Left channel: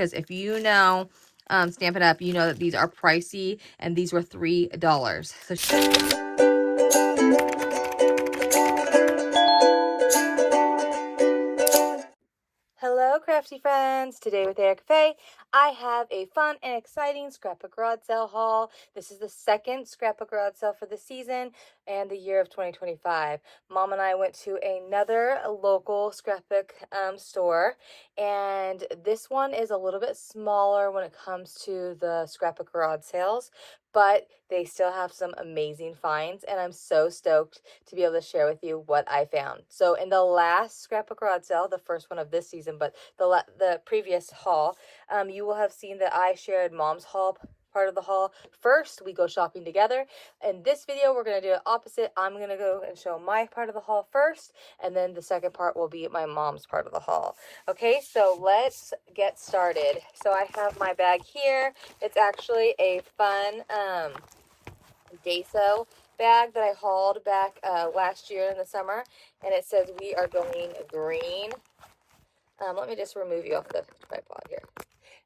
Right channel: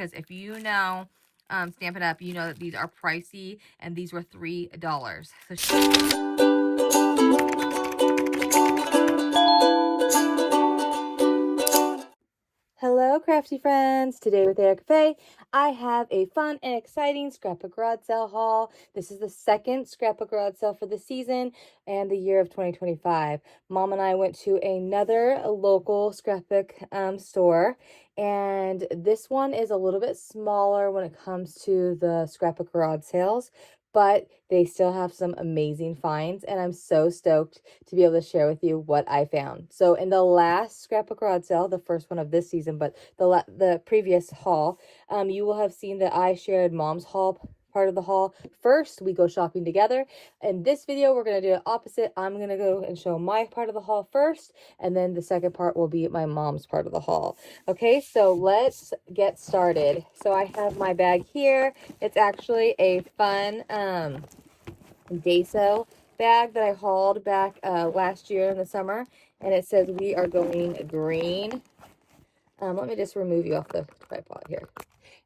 because if you know Stampin' Up, you know that these are pricey, and these were $3. So hello, crafty friends. Today with Erica Faye, I have a fun and exciting scrapbook garage sale haul. This is the second scrapbook garage sale for the season and the year of 2025. Mom and I went to another local scrapbook store, and this one is a little bit smaller when it comes to the scrapbook garage sales, but they still have some amazing finds, and I'm so stoked to be able to share with you what I found. So in the last scrapbook garage sale, the first one of this season, but the previous haul, you will have seen that I shared Mom's haul, part of the haul. First, we go shopping together. In this video, we're going to do it opposite. I'm going to go and show my part of the haul first, and then the second part will be my mom's part of the haul. Okay, so let's get started. So I have my bag here. It's actually a fun Daiso bag that I hauled back last year in the summer, and it says we are going green. Let me just remove you off the tripod here.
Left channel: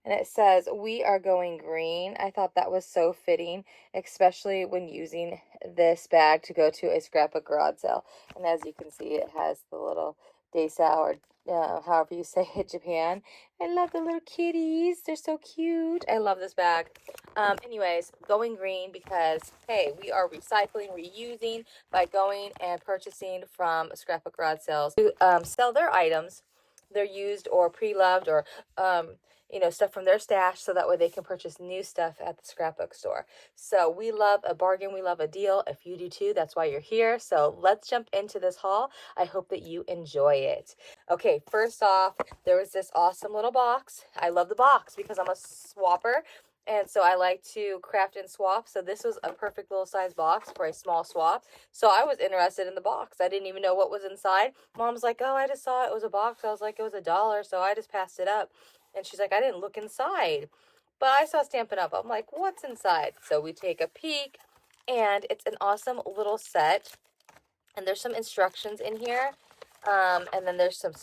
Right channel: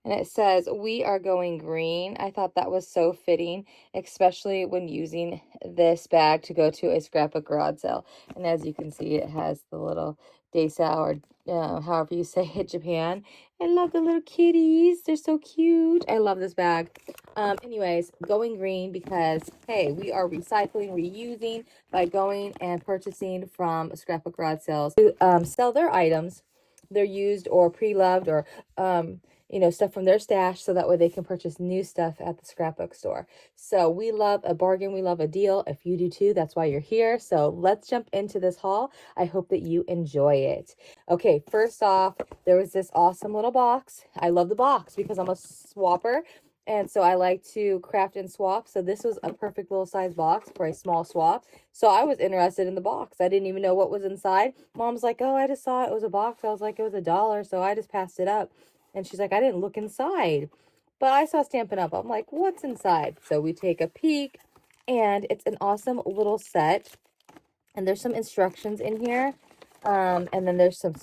And it says we are going green. I thought that was so fitting, especially when using this bag to go to a scrapbook garage sale. And as you can see, it has the little Daiso, or however you say it, Japan. I love the little kitties. They're so cute. I love this bag. Anyways, going green because, hey, we are recycling, reusing by going and purchasing from scrapbook garage sales to sell their items. They're used or pre-loved, or you know, stuff from their stash, so that way they can purchase new stuff at the scrapbook store. So we love a bargain, we love a deal. If you do too, that's why you're here. So let's jump into this haul. I hope that you enjoy it. Okay, first off, there was this awesome little box. I love the box because I'm a swapper, and so I like to craft and swap. So this was a perfect little size box for a small swap. So I was interested in the box. I didn't even know what was inside. Mom's like, oh, I just saw it was a box. I was like, it was $1, so I just passed it up. And she's like, I didn't look inside, but I saw Stampin' Up. I'm like, what's inside? So we take a peek, and it's an awesome little set. And there's some instructions in here. And then there's some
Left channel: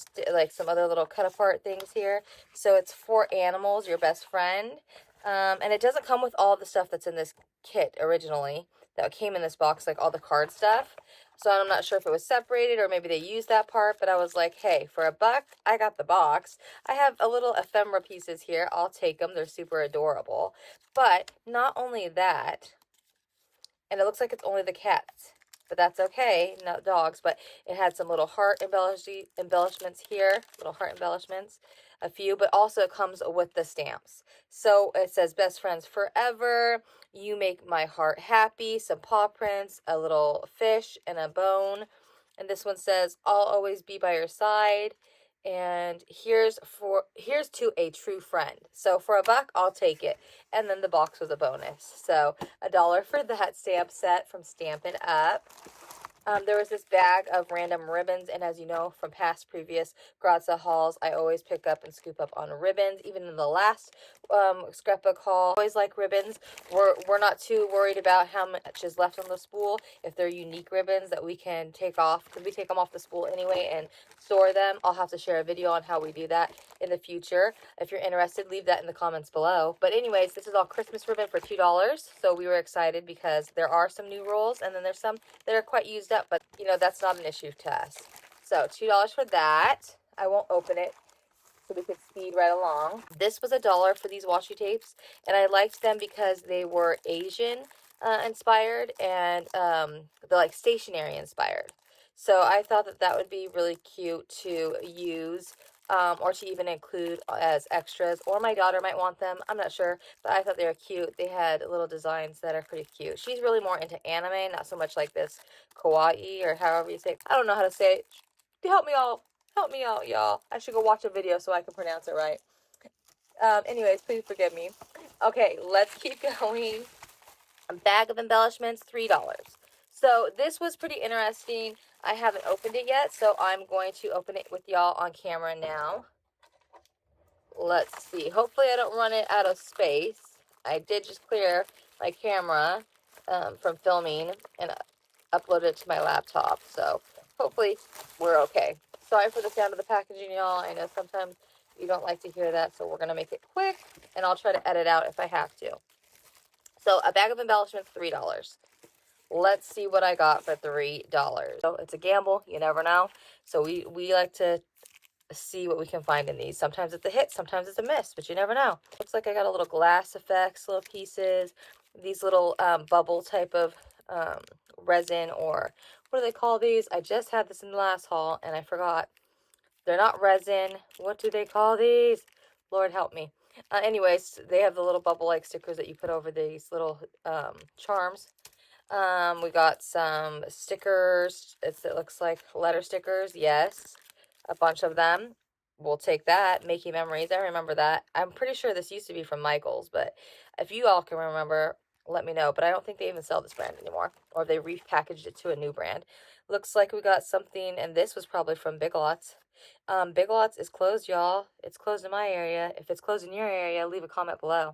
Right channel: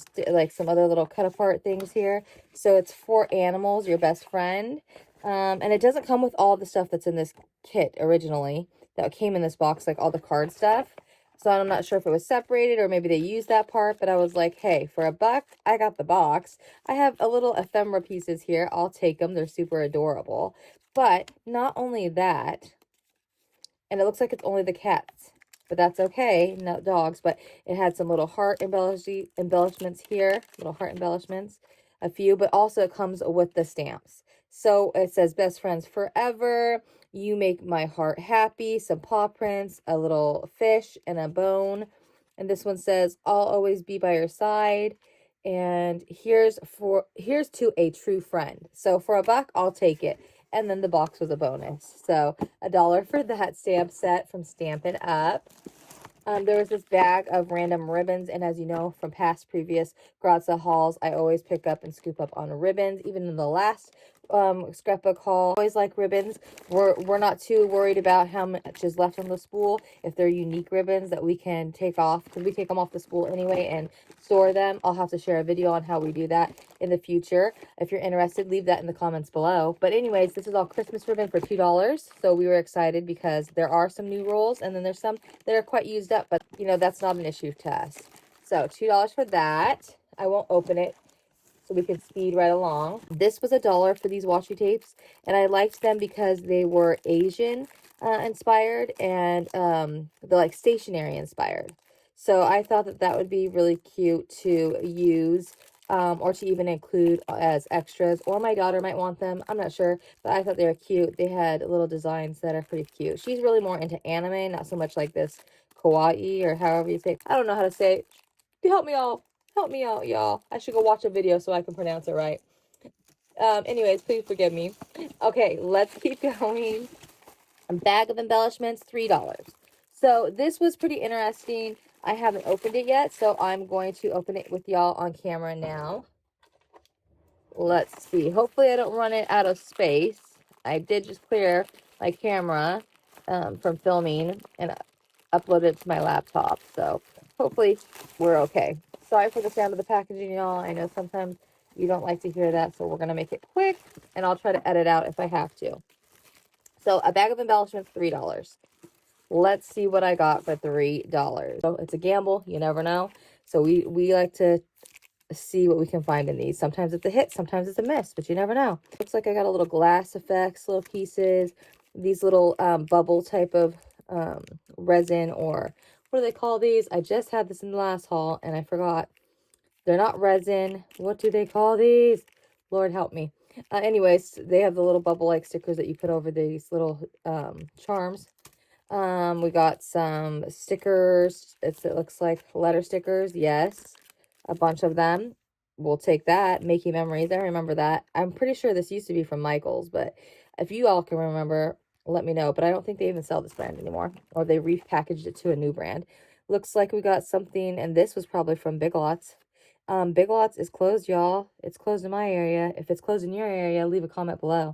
some other little cut apart things here. So it's for animals, your best friend. And it doesn't come with all the stuff that's in this kit originally that came in this box, like all the card stuff. So I'm not sure if it was separated or maybe they used that part, but I was like, hey, for $1, I got the box. I have a little ephemera pieces here. I'll take them. They're super adorable. But not only that, and it looks like it's only the cats, but that's okay, not dogs. But it had some little heart embellishments here, little heart embellishments, a few, but also it comes with the stamps. So it says best friends forever, you make my heart happy, some paw prints, a little fish, and a bone. And this one says I'll always be by your side, and here's to a true friend. So for $1, I'll take it. And then the box was a bonus. So $1 for that stamp set from Stampin' Up. There was this bag of random ribbons, and as you know from previous garage sale hauls, I always pick up and scoop up on ribbons. Even in the last scrapbook haul, I always like ribbons. We're not too worried about how much is left on the spool if they're unique ribbons that we can take off, because we take them off the spool anyway and store them. I'll have to share a video on how we do that in the future. If you're interested, leave that in the comments below. But anyways, this is all Christmas ribbon for $2. So we were excited because there are some new rolls, and then there's some that are quite used up, but you know, that's not an issue to us. So $2 for that. I won't open it so we can speed right along. This was $1 for these washi tapes, and I liked them because they were Asian inspired, and they're like stationery inspired. So I thought that that would be really cute to use, or to even include as extras, or my daughter might want them. I'm not sure, but I thought they were cute. They had little designs that are pretty cute. She's really more into anime, not so much like this kawaii, or however you say it. I don't know how to say it. Help me all. Help me out, y'all. I should go watch a video so I can pronounce it right. Anyways, please forgive me. Okay, let's keep going. A bag of embellishments, $3. So this was pretty interesting. I haven't opened it yet, so I'm going to open it with y'all on camera now. Let's see. Hopefully I don't run it out of space. I did just clear my camera from filming and upload it to my laptop, so hopefully we're okay. Sorry for the sound of the packaging, y'all. I know sometimes You don't like to hear that, so we're going to make it quick, and I'll try to edit out if I have to. So a bag of embellishments, $3. Let's see what I got for $3. So it's a gamble. You never know. So we like to see what we can find in these. Sometimes it's a hit, sometimes it's a miss, but you never know. Looks like I got a little glass effects, little pieces, these little bubble type of resin, or what do they call these? I just had this in the last haul and I forgot. They're not resin. What do they call these? Lord help me. Anyways, they have the little bubble like stickers that you put over these little charms. We got some stickers. It looks like letter stickers. Yes, a bunch of them. We'll take that. Making memories. I remember that. I'm pretty sure this used to be from Michael's, but if you all can remember, let me know. But I don't think they even sell this brand anymore, or they repackaged it to a new brand. Looks like we got something, and this was probably from Big Lots. Big Lots is closed, y'all. It's closed in my area. If it's closed in your area, leave a comment below.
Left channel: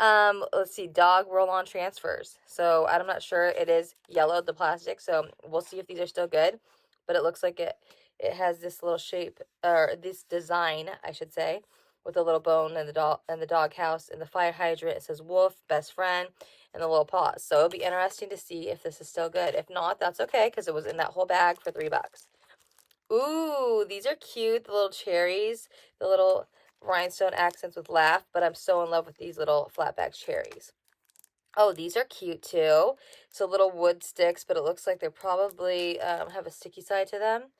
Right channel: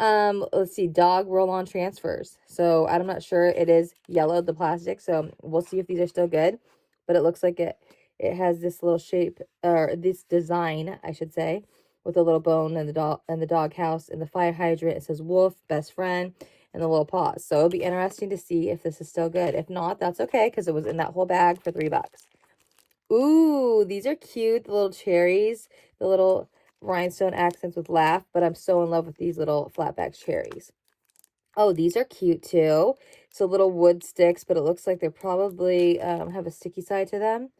Let's see, dog roll-on transfers. So I'm not sure. It is yellowed, the plastic, so we'll see if these are still good. But it looks like it has this little shape, or this design, I should say, with a little bone and the dog house and the fire hydrant. It says wolf, best friend, and the little paws. So it'll be interesting to see if this is still good. If not, that's okay, because it was in that whole bag for $3. Ooh, these are cute. The little cherries, the little rhinestone accents with laugh, but I'm so in love with these little flatback cherries. Oh, these are cute too. So little wood sticks, but it looks like they probably have a sticky side to them.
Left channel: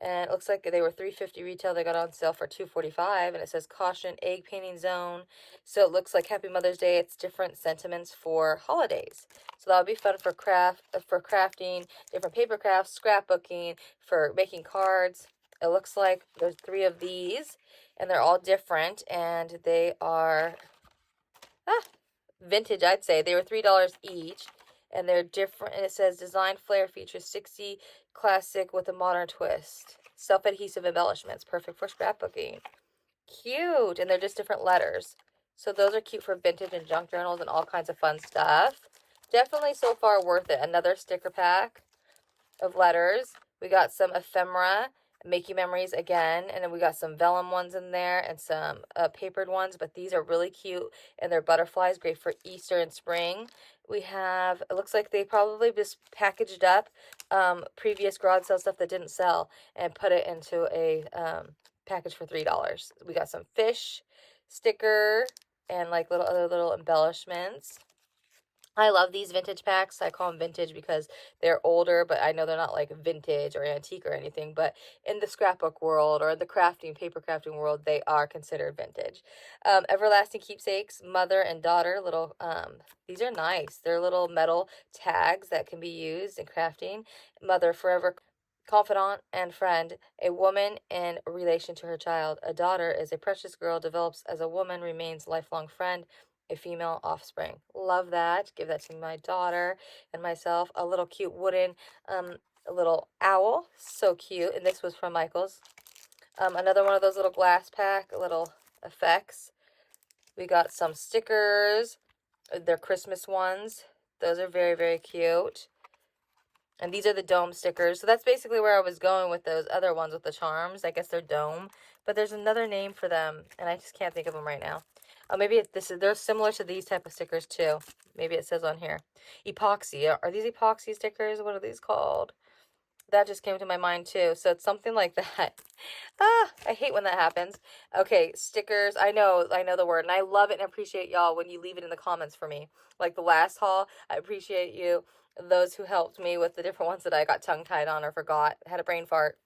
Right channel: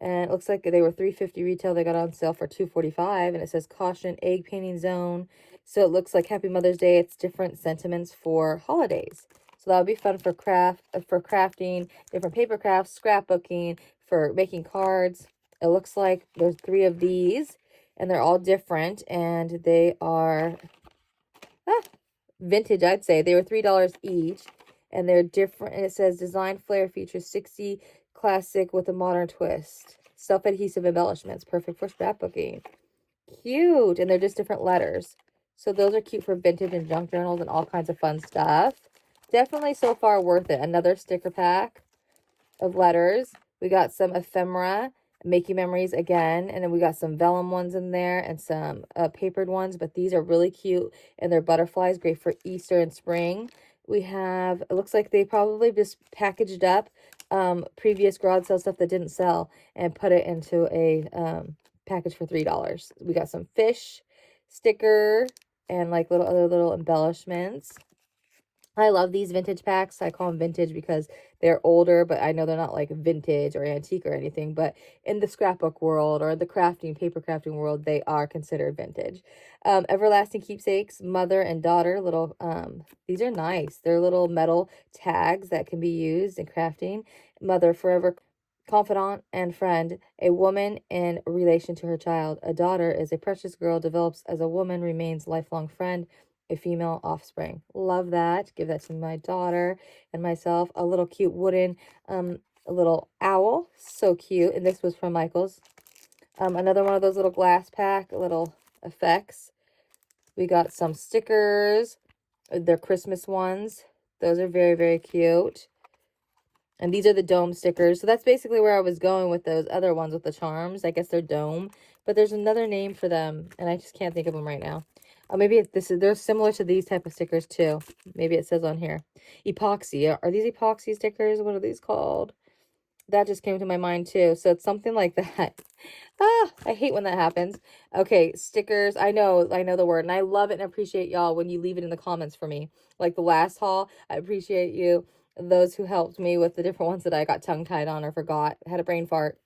And it looks like they were $3.50 retail. They got on sale for $2.45, and it says caution egg painting zone. So it looks like Happy Mother's Day. It's different sentiments for holidays. So that would be fun for crafting, different paper crafts, scrapbooking, for making cards. It looks like there's 3 of these, and they're all different, and they are vintage, I'd say. They were $3 each, and they're different. And it says design flair features 60 classic with a modern twist. Self-adhesive embellishments, perfect for scrapbooking. Cute. And they're just different letters. So those are cute for vintage and junk journals and all kinds of fun stuff. Definitely so far worth it. Another sticker pack of letters. We got some ephemera, making memories again, and then we got some vellum ones in there and some papered ones, but these are really cute, and they're butterflies, great for Easter and spring. We have, it looks like they probably just packaged up previous garage sale stuff that didn't sell and put it into a package for $3. We got some fish sticker and like other little embellishments. I love these vintage packs. I call them vintage because they're older, but I know they're not like vintage or antique or anything. But in the scrapbook world or the crafting, paper crafting world, they are considered vintage. Everlasting keepsakes, mother and daughter. Little, these are nice. They're little metal tags that can be used in crafting. Mother forever, confidant and friend, a woman in relation to her child. A daughter is a precious girl, develops as a woman, remains lifelong friend. A female offspring. Love that. Give that to my daughter and myself. A little cute wooden a little owl. So cute. And this was from Michael's. Another one of those little glass pack, little effects. We got some stickers. They're Christmas ones. Those are very, very cute. And these are the dome stickers. So that's basically where I was going with those other ones with the charms. I guess they're dome. But there's another name for them, and I just can't think of them right now. Maybe they're similar to these type of stickers too. Maybe it says on here. Epoxy. Are these epoxy stickers? What are these called? That just came to my mind too. So it's something like that. I hate when that happens. Okay, stickers. I know the word, and I love it and appreciate y'all when you leave it in the comments for me. Like the last haul, I appreciate you. Those who helped me with the different ones that I got tongue-tied on or forgot. Had a brain fart.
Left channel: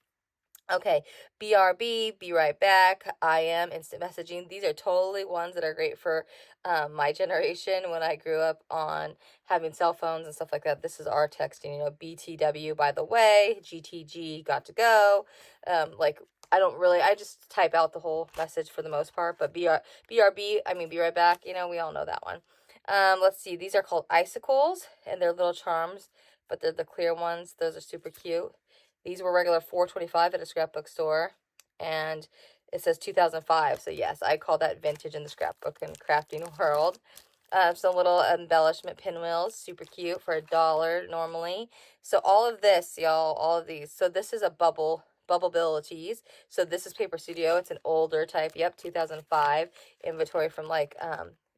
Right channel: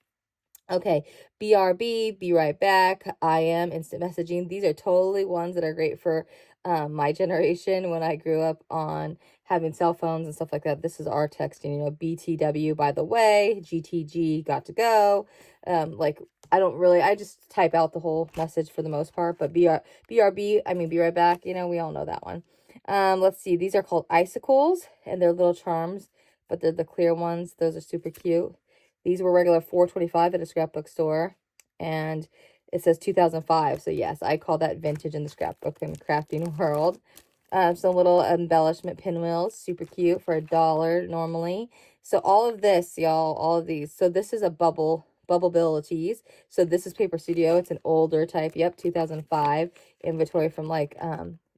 Okay, BRB, be right back. I am instant messaging. These are totally ones that are great for my generation when I grew up on having cell phones and stuff like that. This is our texting, you know, BTW, by the way, GTG, got to go. Like, I just type out the whole message for the most part, but BRB, I mean, be right back. You know, we all know that one. Let's see. These are called icicles, and they're little charms, but they're the clear ones. Those are super cute. These were regular $4.25 at a scrapbook store, and it says 2005. So yes, I call that vintage in the scrapbook and crafting world. Some little embellishment pinwheels, super cute for $1 normally. So all of this, y'all, all of these. So this is a bubble Bubbleabilities. So this is Paper Studio. It's an older type. Yep, 2005 inventory from like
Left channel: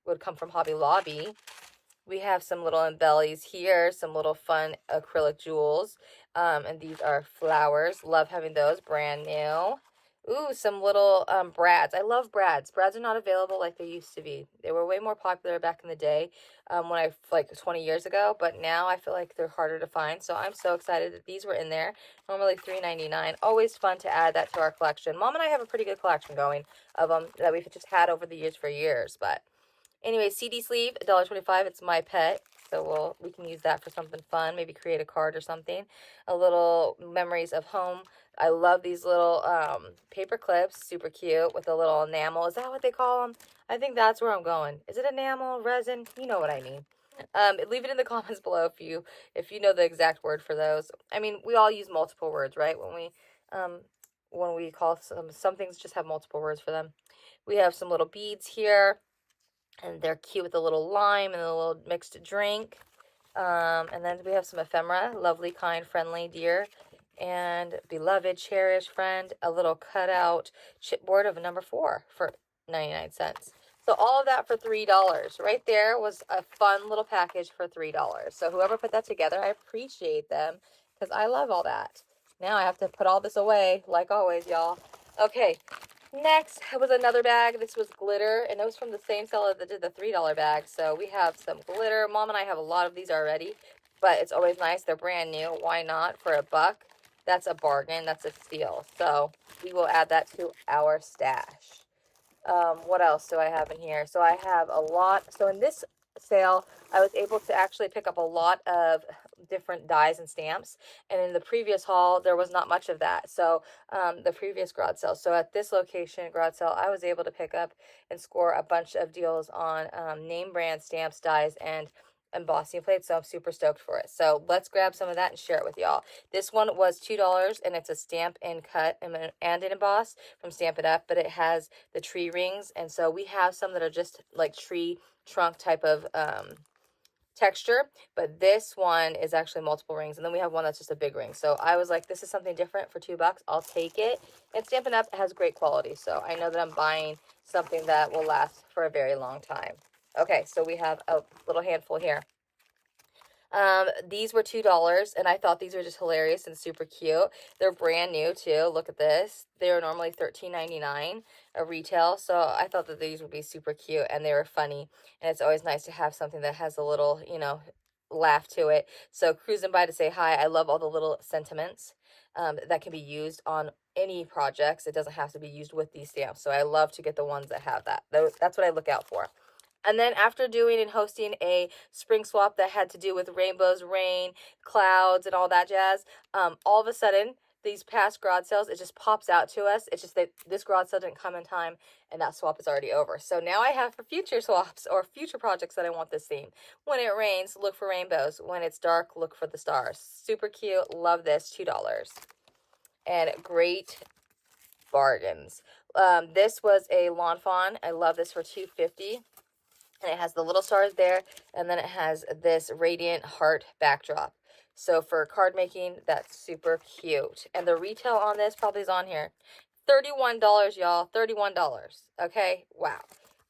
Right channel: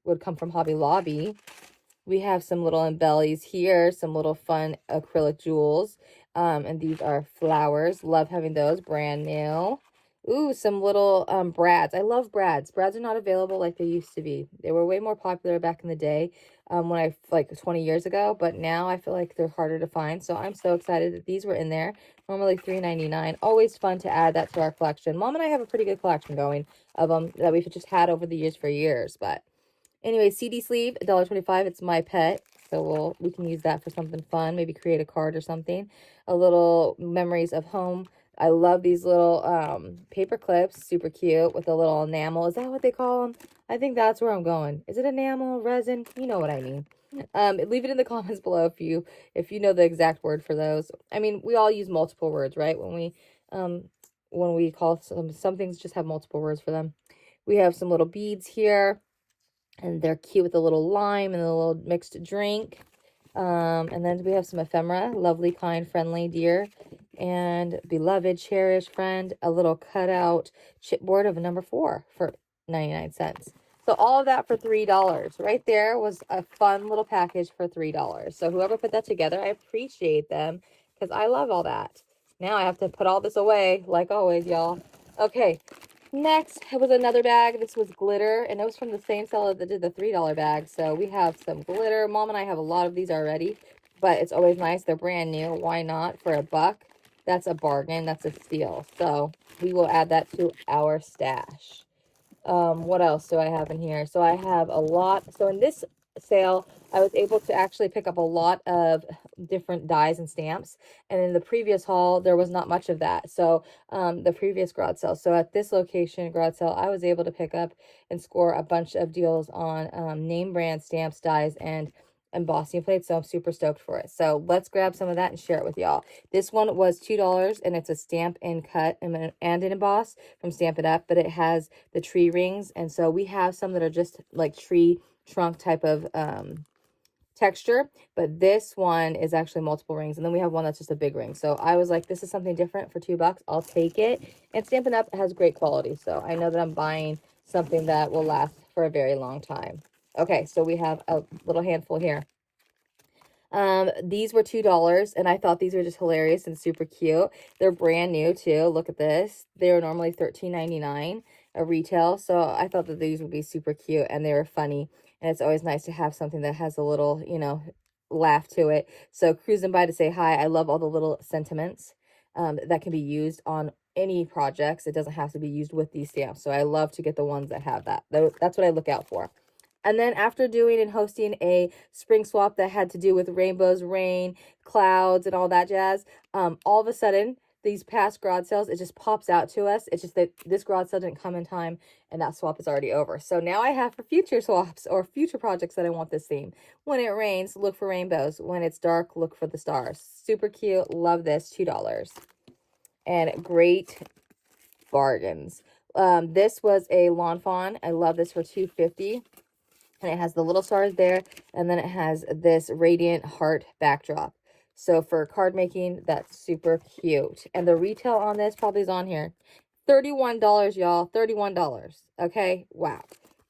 would come from Hobby Lobby. We have some little embellies here, some little fun acrylic jewels. And these are flowers. Love having those, brand new. Ooh, some little brads. I love brads. Brads are not available like they used to be. They were way more popular back in the day, when I, like 20 years ago, but now I feel like they're harder to find. So I'm so excited that these were in there. Normally $3.99. Always fun to add that to our collection. Mom and I have a pretty good collection going of them that we've just had over the years for years, but anyway, CD sleeve, $1.25. It's my pet, so we can use that for something fun. Maybe create a card or something. A little memories of home. I love these little paper clips, super cute, with a little enamel. Is that what they call them? I think that's where I'm going. Is it enamel, resin? You know what I mean. Leave it in the comments below if you know the exact word for those. I mean, we all use multiple words, right? When we call some things just have multiple words for them. We have some little beads here. And they're cute with a little lime and a little mixed drink. And then we have some ephemera, lovely, kind, friendly, dear, and beloved, cherished friend, a little cutout chipboard of a number 4 for 99 cents. So all of that for $3. Right there was a fun little package for $3. So whoever put that together, I appreciate them because I love all that. Now I have to put all this away, like always, y'all. Okay, next was another bag. This was glitter, and it was from the same seller that did the $3 bag. So we have some glitter. Mom and I have a lot of these already, but it's always nice. They're brand new. Why not? For $1, that's a bargain. That's a steal. So we will add that to our stash. What else do I have in here? So I have a lot. So in this sale, I was able to actually pick up a lot of different dies and stamps, and in the previous haul there was not much of that. So the previous garage sale, so at this location garage sale, I was able to pick up and score a bunch of deals on name brand stamps, dies, and embossing plates. So I'm super stoked for it. So let's grab some of that and share it with y'all. This one was $2, and it's a stamp and cut and an emboss from Stampin' Up, but it has the tree rings, and so we have some that are just like tree trunk type of texture, but this one is actually multiple rings, and then we have one that's just a big ring. So I was like, this is something different for $2. I'll take it. And Stampin' Up has great quality, so I know that I'm buying something that will last for a very long time. Okay, so we have a little handful here. These were $2, and I thought these were just hilarious and super cute. They're brand new too. Look at this. They're normally $13.99 a retail, so I thought that these would be super cute, and they were funny, and it's always nice to have something that has a little, you know, laugh to it. So cruising by to say hi. I love all the little sentiments that can be used on any projects. It doesn't have to be used with these stamps, so I love to get the ones that have that. That's what I look out for. And then after doing and hosting a spring swap that had to do with rainbows, rain, clouds, and all that jazz, all of a sudden, these past garage sales, it just pops out to us. It's just that this garage sale didn't come in time, and that swap is already over. So now I have for future swaps or future projects that I want this theme. When it rains, look for rainbows. When it's dark, look for the stars. Super cute. Love this. $2. And great bargains. This was a Lawn Fawn. I love this for $2.50. And it has the little stars there, and then it has this radiant heart backdrop. So for card making, that's super cute. And the retail on this probably is on here. $31, y'all. $31. Okay? Wow.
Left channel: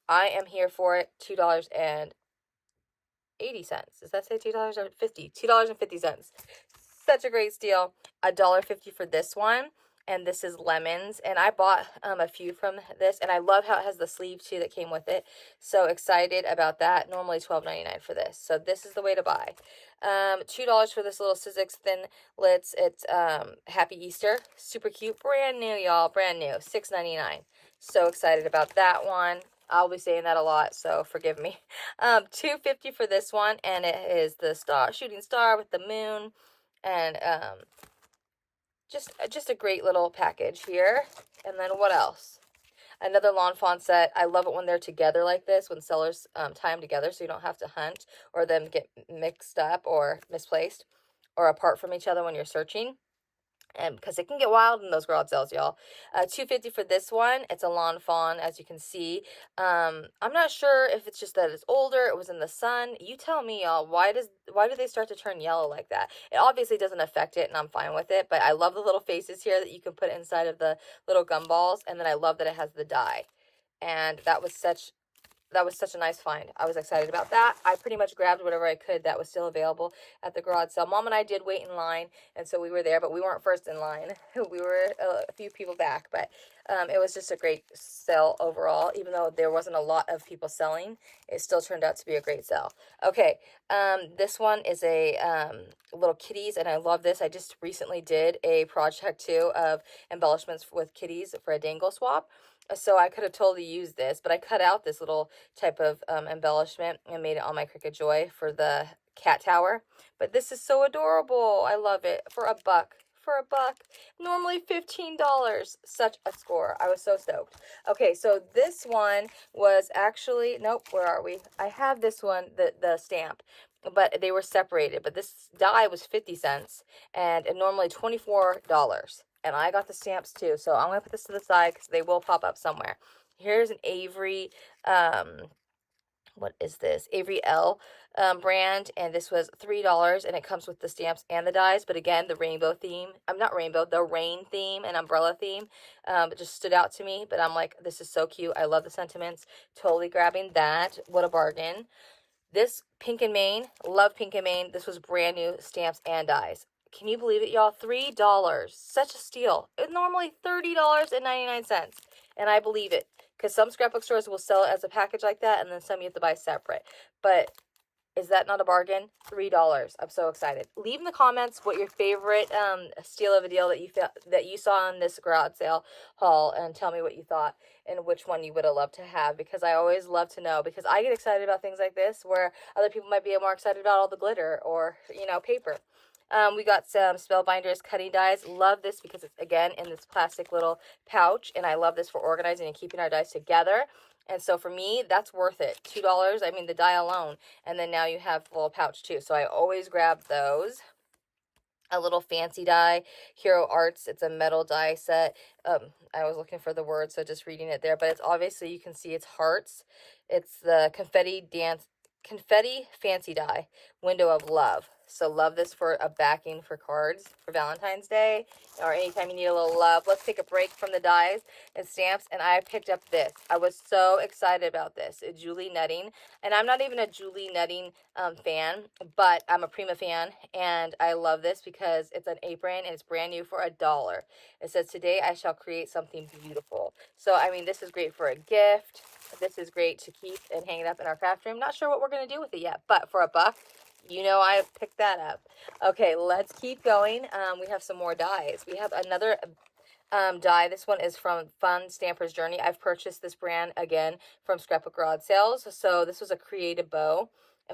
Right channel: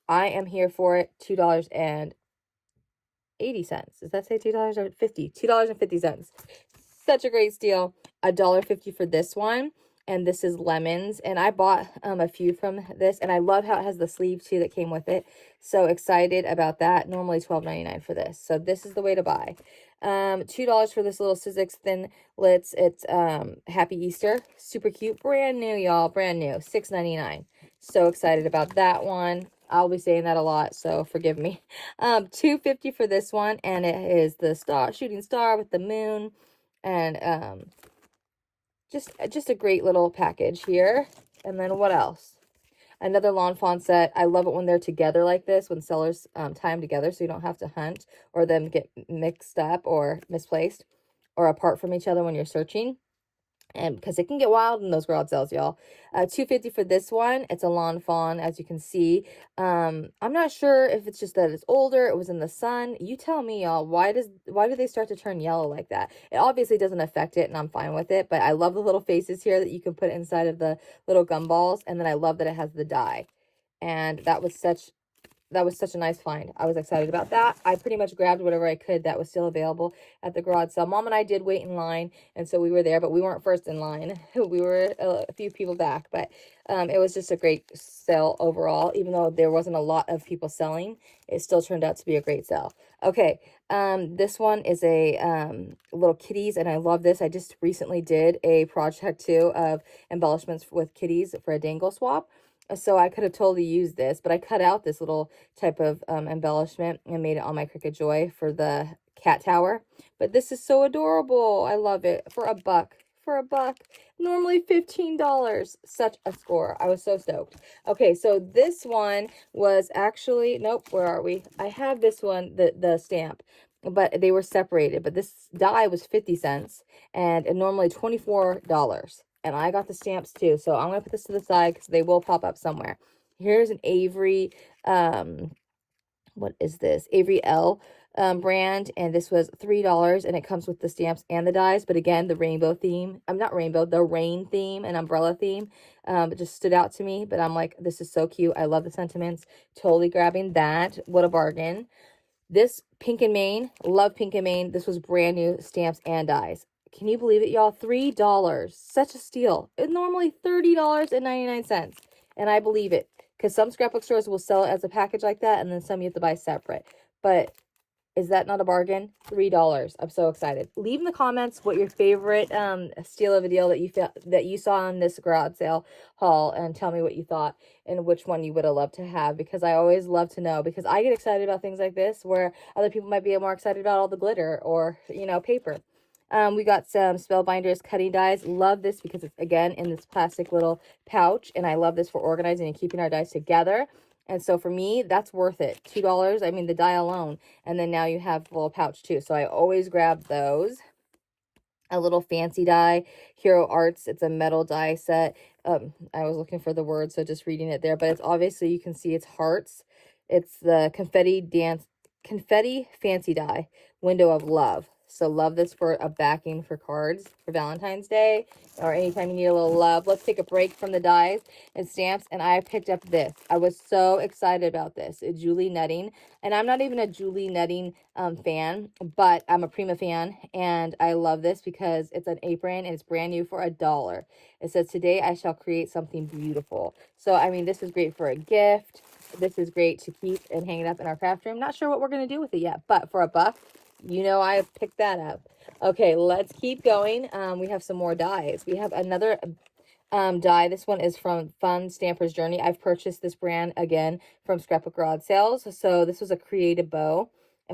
I am here for it. $2.80. Does that say $2.50? $2.50. Such a great steal. $1.50 for this one. And this is lemons, and I bought a few from this, and I love how it has the sleeve too that came with it. So excited about that. Normally $12.99 for this, so this is the way to buy. $2 for this little Sizzix Thin Lits. It's Happy Easter, super cute, brand new, y'all, brand new. $6.99. So excited about that one. I'll be saying that a lot, so forgive me. $2.50 for this one, and it is the shooting star with the moon, and just a great little package here. And then what else? Another Lawn Fawn set. I love it when they're together like this, when sellers tie them together so you don't have to hunt or them get mixed up or misplaced or apart from each other when you're searching. and because it can get wild in those garage sales, y'all. $2.50 for this one. It's a lawn fawn, as you can see. I'm not sure if it's just that it's older, it was in the sun. You tell me, y'all. Why do they start to turn yellow like that? It obviously doesn't affect it, and I'm fine with it, but I love the little faces here that you can put inside of the little gumballs, and then I love that it has the dye. And that was such a nice find. I was excited about that. I pretty much grabbed whatever I could that was still available at the garage sale. Mom and I did wait in line, and so we were there, but we weren't first in line. We were a few people back, but it was just a great sale overall. Even though there wasn't a lot of people selling, it still turned out to be a great sale. Okay, this one is a little kitties, and I love this. I just recently did a project too of embellishments with kitties for a dangle swap. So I could have totally used this, but I cut out this little type of embellishment and made it on my Cricut Joy for the cat tower. But this is so adorable. I love it. For a buck. For a buck. Normally $15. Such a score. I was so stoked. Okay, so this one was actually, nope, where are we? I have this one, the stamp, but they were separated. But this die was 50 cents and normally $24. And I got the stamps too. So I'm going to put this to the side because they will pop up somewhere. Here's an Avery, what is this? Avery L brand. And this was $3. And it comes with the stamps and the dies. But again, the rainbow theme. I'm not rainbow, the rain theme and umbrella theme. It just stood out to me. But I'm like, this is so cute. I love the sentiments. Totally grabbing that. What a bargain. This Pink and Main. Love Pink and Main. This was brand new stamps and dies. Can you believe it, y'all? $3. Such a steal. It's normally $30.99. And I believe it. Because some scrapbook stores will sell it as a package like that. And then some you have to buy separate. But is that not a bargain? $3. I'm so excited. Leave in the comments what your favorite steal of a deal that you saw on this garage sale haul. And tell me what you thought. And which one you would have loved to have. Because I always love to know. Because I get excited about things like this. Where other people might be more excited about all the glitter. Or, you know, paper. We got some Spellbinders cutting dies. Love this because it's, again, in this plastic little pouch. And I love this for organizing and keeping our dies together. And so for me, that's worth it. $2, I mean, the die alone. And then now you have a little pouch too. So I always grab those. A little fancy die, Hero Arts. It's a metal die set. I was looking for the word, so just reading it there. But it's obviously, you can see it's hearts. It's the confetti fancy die, window of love. So love this for a backing for cards for Valentine's Day or anytime you need a little love. Let's take a break from the dies and stamps. And I picked up this. I was so excited about this. It's Julie Netting. And I'm not even a Julie Netting fan, but I'm a Prima fan. And I love this because it's an apron and it's brand new for $1. It says, today I shall create something beautiful. So, I mean, this is great for a gift. This is great to keep and hang it up in our craft room. Not sure what we're going to do with it yet, but for a buck, you know, I picked that up. Okay, let's keep going. We have some more dies. We have another die. This one is from Fun Stamper's Journey. I've purchased this brand again from Scrapbook Garage Sales. So this was a creative bow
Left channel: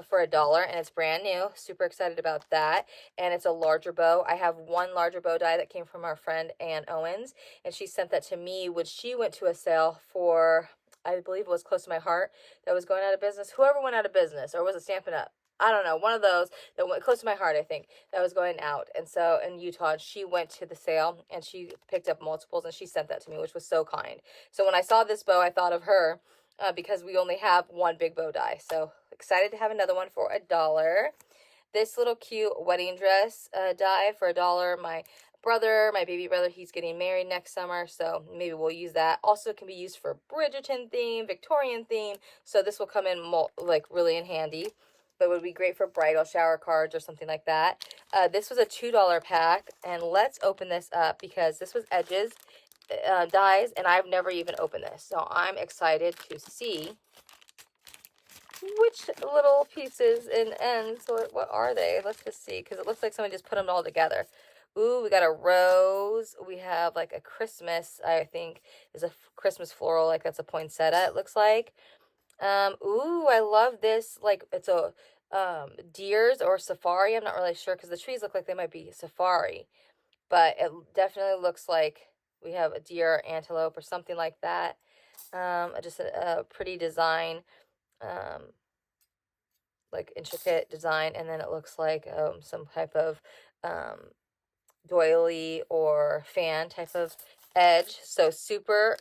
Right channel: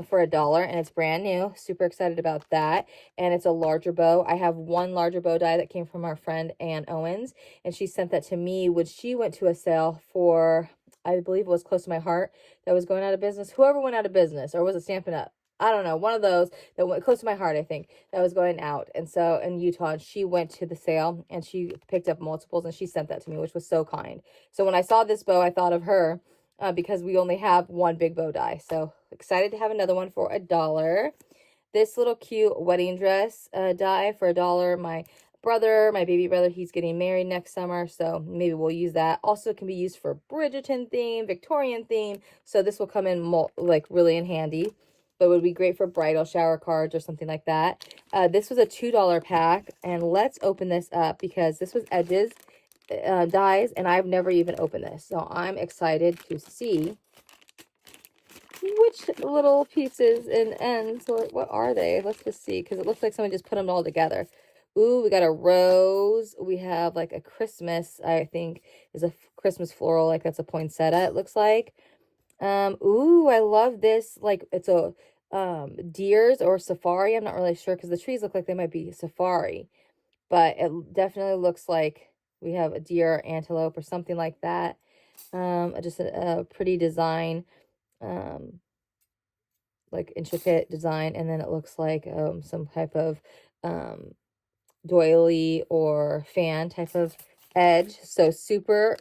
for $1 and it's brand new. Super excited about that. And it's a larger bow. I have one larger bow die that came from our friend Ann Owens, and she sent that to me when she went to a sale for, I believe it was Close to My Heart, that was going out of business. Whoever went out of business, or was it Stampin' Up? I don't know, one of those that went Close to My Heart, I think, that was going out. And so in Utah, and she went to the sale and she picked up multiples and she sent that to me, which was so kind. So when I saw this bow, I thought of her because we only have one big bow die. So excited to have another one for $1. This little cute wedding dress die for $1. My baby brother, he's getting married next summer, so maybe we'll use that. Also can be used for Bridgerton theme, Victorian theme. So this will come in like really in handy. But it would be great for bridal shower cards or something like that. This was a $2 pack. And let's open this up because this was Edges dies. And I've never even opened this. So I'm excited to see which little pieces and ends. What are they? Let's just see. Because it looks like someone just put them all together. Ooh, we got a rose. We have like a Christmas, I think, is a Christmas floral. Like that's a poinsettia, it looks like. Ooh, I love this. Like it's a deers or safari. I'm not really sure because the trees look like they might be safari, but it definitely looks like we have a deer or antelope or something like that. Just a pretty design, like intricate design. And then it looks like some type of doily or fan type of edge. So super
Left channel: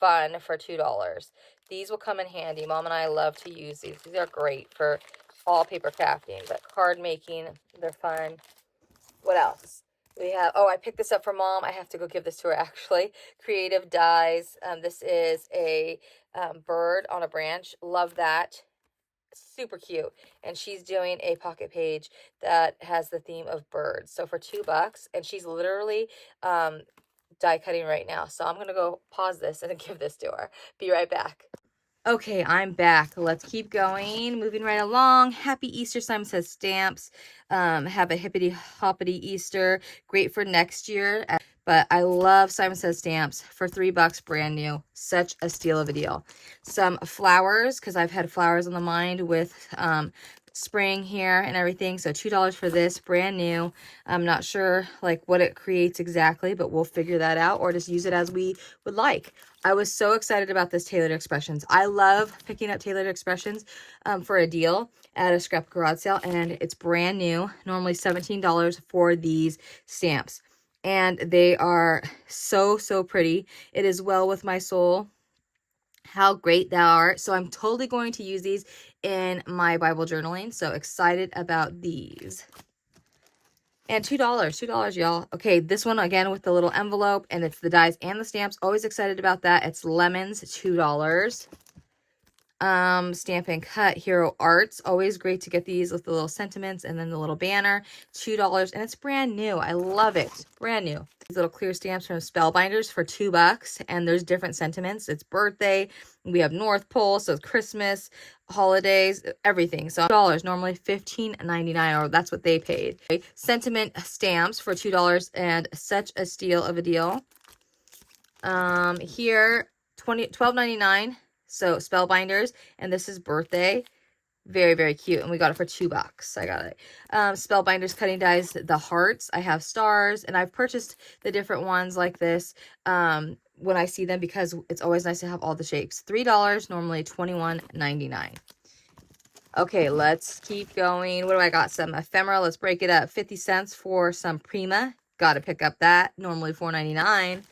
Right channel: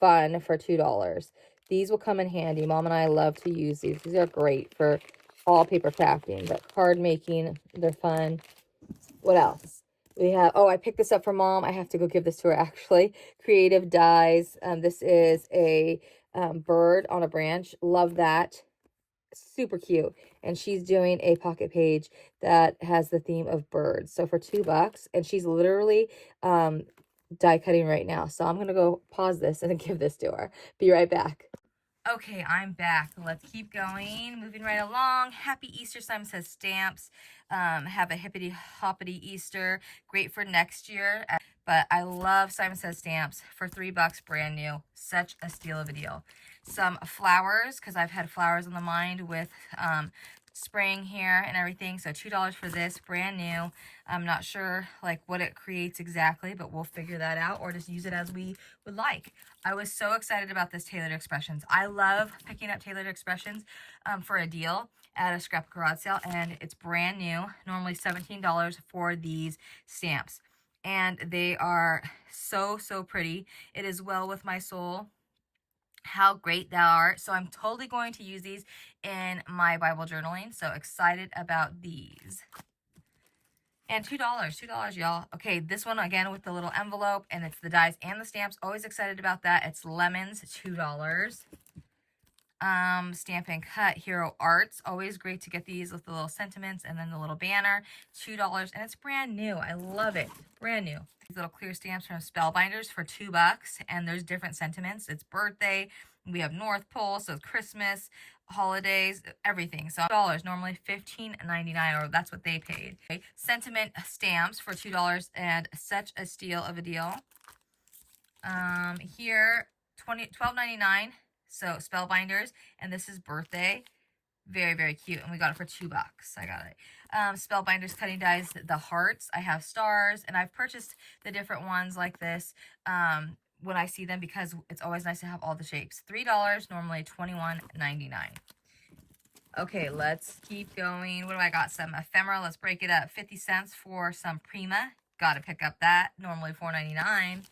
fun for $2. These will come in handy. Mom and I love to use these. These are great for all paper crafting, but card making, they're fun. What else? We have, oh, I picked this up for Mom. I have to go give this to her actually. Creative Dies. This is a bird on a branch. Love that. Super cute. And she's doing a pocket page that has the theme of birds. So for $2, and she's literally die cutting right now. So I'm going to go pause this and give this to her. Be right back. Okay, I'm back. Let's keep going. Moving right along. Happy Easter. Simon Says Stamps. Have a hippity hoppity Easter. Great for next year. But I love Simon Says Stamps for $3, brand new. Such a steal of a deal. Some flowers, because I've had flowers on the mind with spring here and everything. So $2 for this, brand new. I'm not sure like what it creates exactly, but we'll figure that out or just use it as we would like. I was so excited about this Tailored Expressions. I love picking up Tailored Expressions for a deal at a scrap garage sale, and it's brand new. Normally $17 for these stamps. And they are so, so pretty. It is well with my soul. How great thou art. So I'm totally going to use these in my Bible journaling. So excited about these. And $2, y'all. Okay, this one again with the little envelope, and it's the dies and the stamps. Always excited about that. It's Lemons, $2. Stamp and Cut Hero Arts. Always great to get these with the little sentiments and then the little banner. $2, and it's brand new. I love it. Brand new. These little clear stamps from Spellbinders for $2, and there's different sentiments. It's birthday. We have North Pole, so it's Christmas, holidays, everything. So $, normally $15.99, or that's what they paid. Okay. Sentiment stamps for $2, and such a steal of a deal. Here $12.99. So Spellbinders, and this is birthday. Very, very cute. And we got it for $2. I got it. Spellbinders cutting dies, the hearts. I have stars, and I've purchased the different ones like this when I see them, because it's always nice to have all the shapes. $3, normally $21.99. Okay, let's keep going. What do I got? Some ephemera. Let's break it up. 50 cents for some Prima. Got to pick up that. Normally $4.99.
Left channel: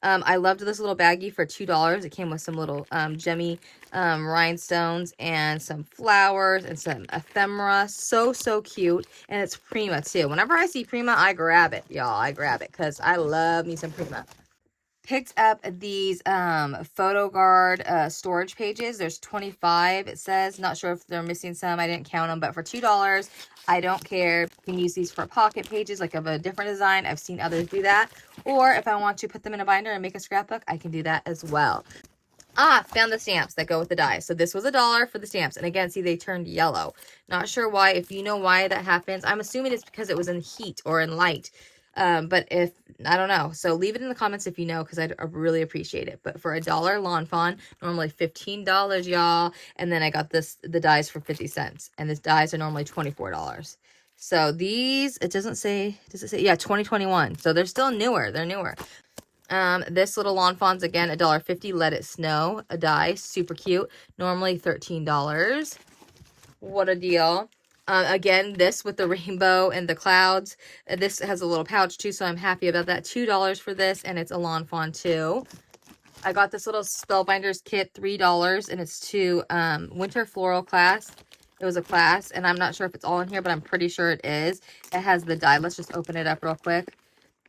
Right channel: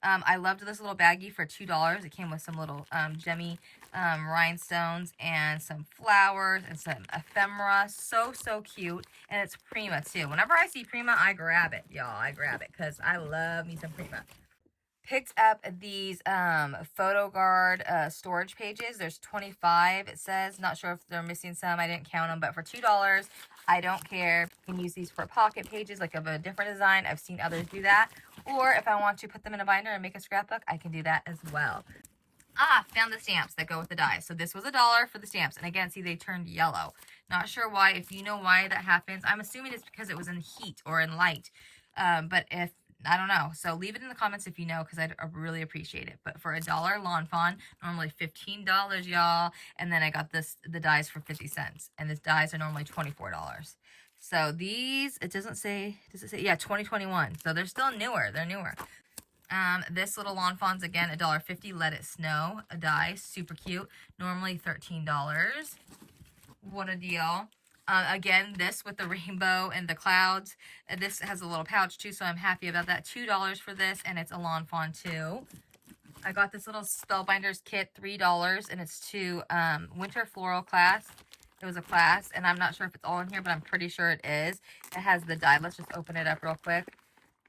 I loved this little baggie for $2. It came with some little gemmy rhinestones and some flowers and some ephemera. So, so cute. And it's Prima too. Whenever I see Prima, I grab it, y'all. I grab it because I love me some Prima. Picked up these photo guard storage pages. There's 25, it says. Not sure if they're missing some. I didn't count them, but for $2, I don't care. You can use these for pocket pages, like of a different design. I've seen others do that. Or if I want to put them in a binder and make a scrapbook, I can do that as well. Ah, found the stamps that go with the dies. So this was $1 for the stamps. And again, see, they turned yellow. Not sure why. If you know why that happens, I'm assuming it's because it was in heat or in light. But if, I don't know. So leave it in the comments if you know, because I'd really appreciate it. But for $1 Lawn Fawn, normally $15, y'all. And then I got the dies for 50 cents. And these dies are normally $24. So these, it doesn't say, does it say? Yeah, 2021. So they're still newer. They're newer. This little Lawn Fawns, again, $1.50. Let It Snow, a die. Super cute. Normally $13. What a deal. Again, this with the rainbow and the clouds. This has a little pouch too, so I'm happy about that. $2 for this, and it's a Lawn Fawn too. I got this little Spellbinders kit, $3, and it's to Winter Floral class. It was a class, and I'm not sure if it's all in here, but I'm pretty sure it is. It has the die. Let's just open it up real quick.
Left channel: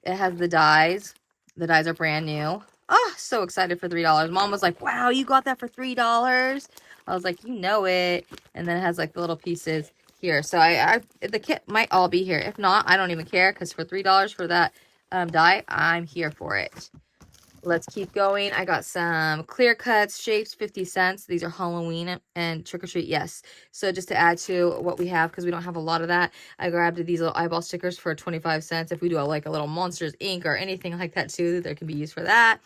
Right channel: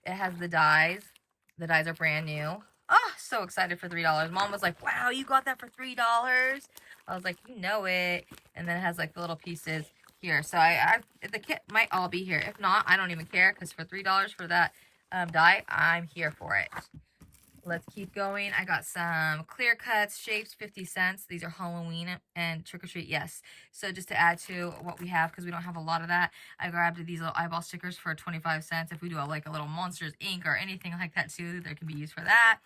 It has the dies. The dies are brand new. Oh, so excited for $3. Mom was like, wow, you got that for $3? I was like, you know it. And then it has like the little pieces here. So the kit might all be here. If not, I don't even care, because for $3 for that die, I'm here for it. Let's keep going. I got some clear cuts, shapes, 50 cents. These are Halloween and trick or treat, yes. So just to add to what we have, because we don't have a lot of that, I grabbed these little eyeball stickers for 25 cents. If we do like a little Monsters Inc. or anything like that too, there can be used for that.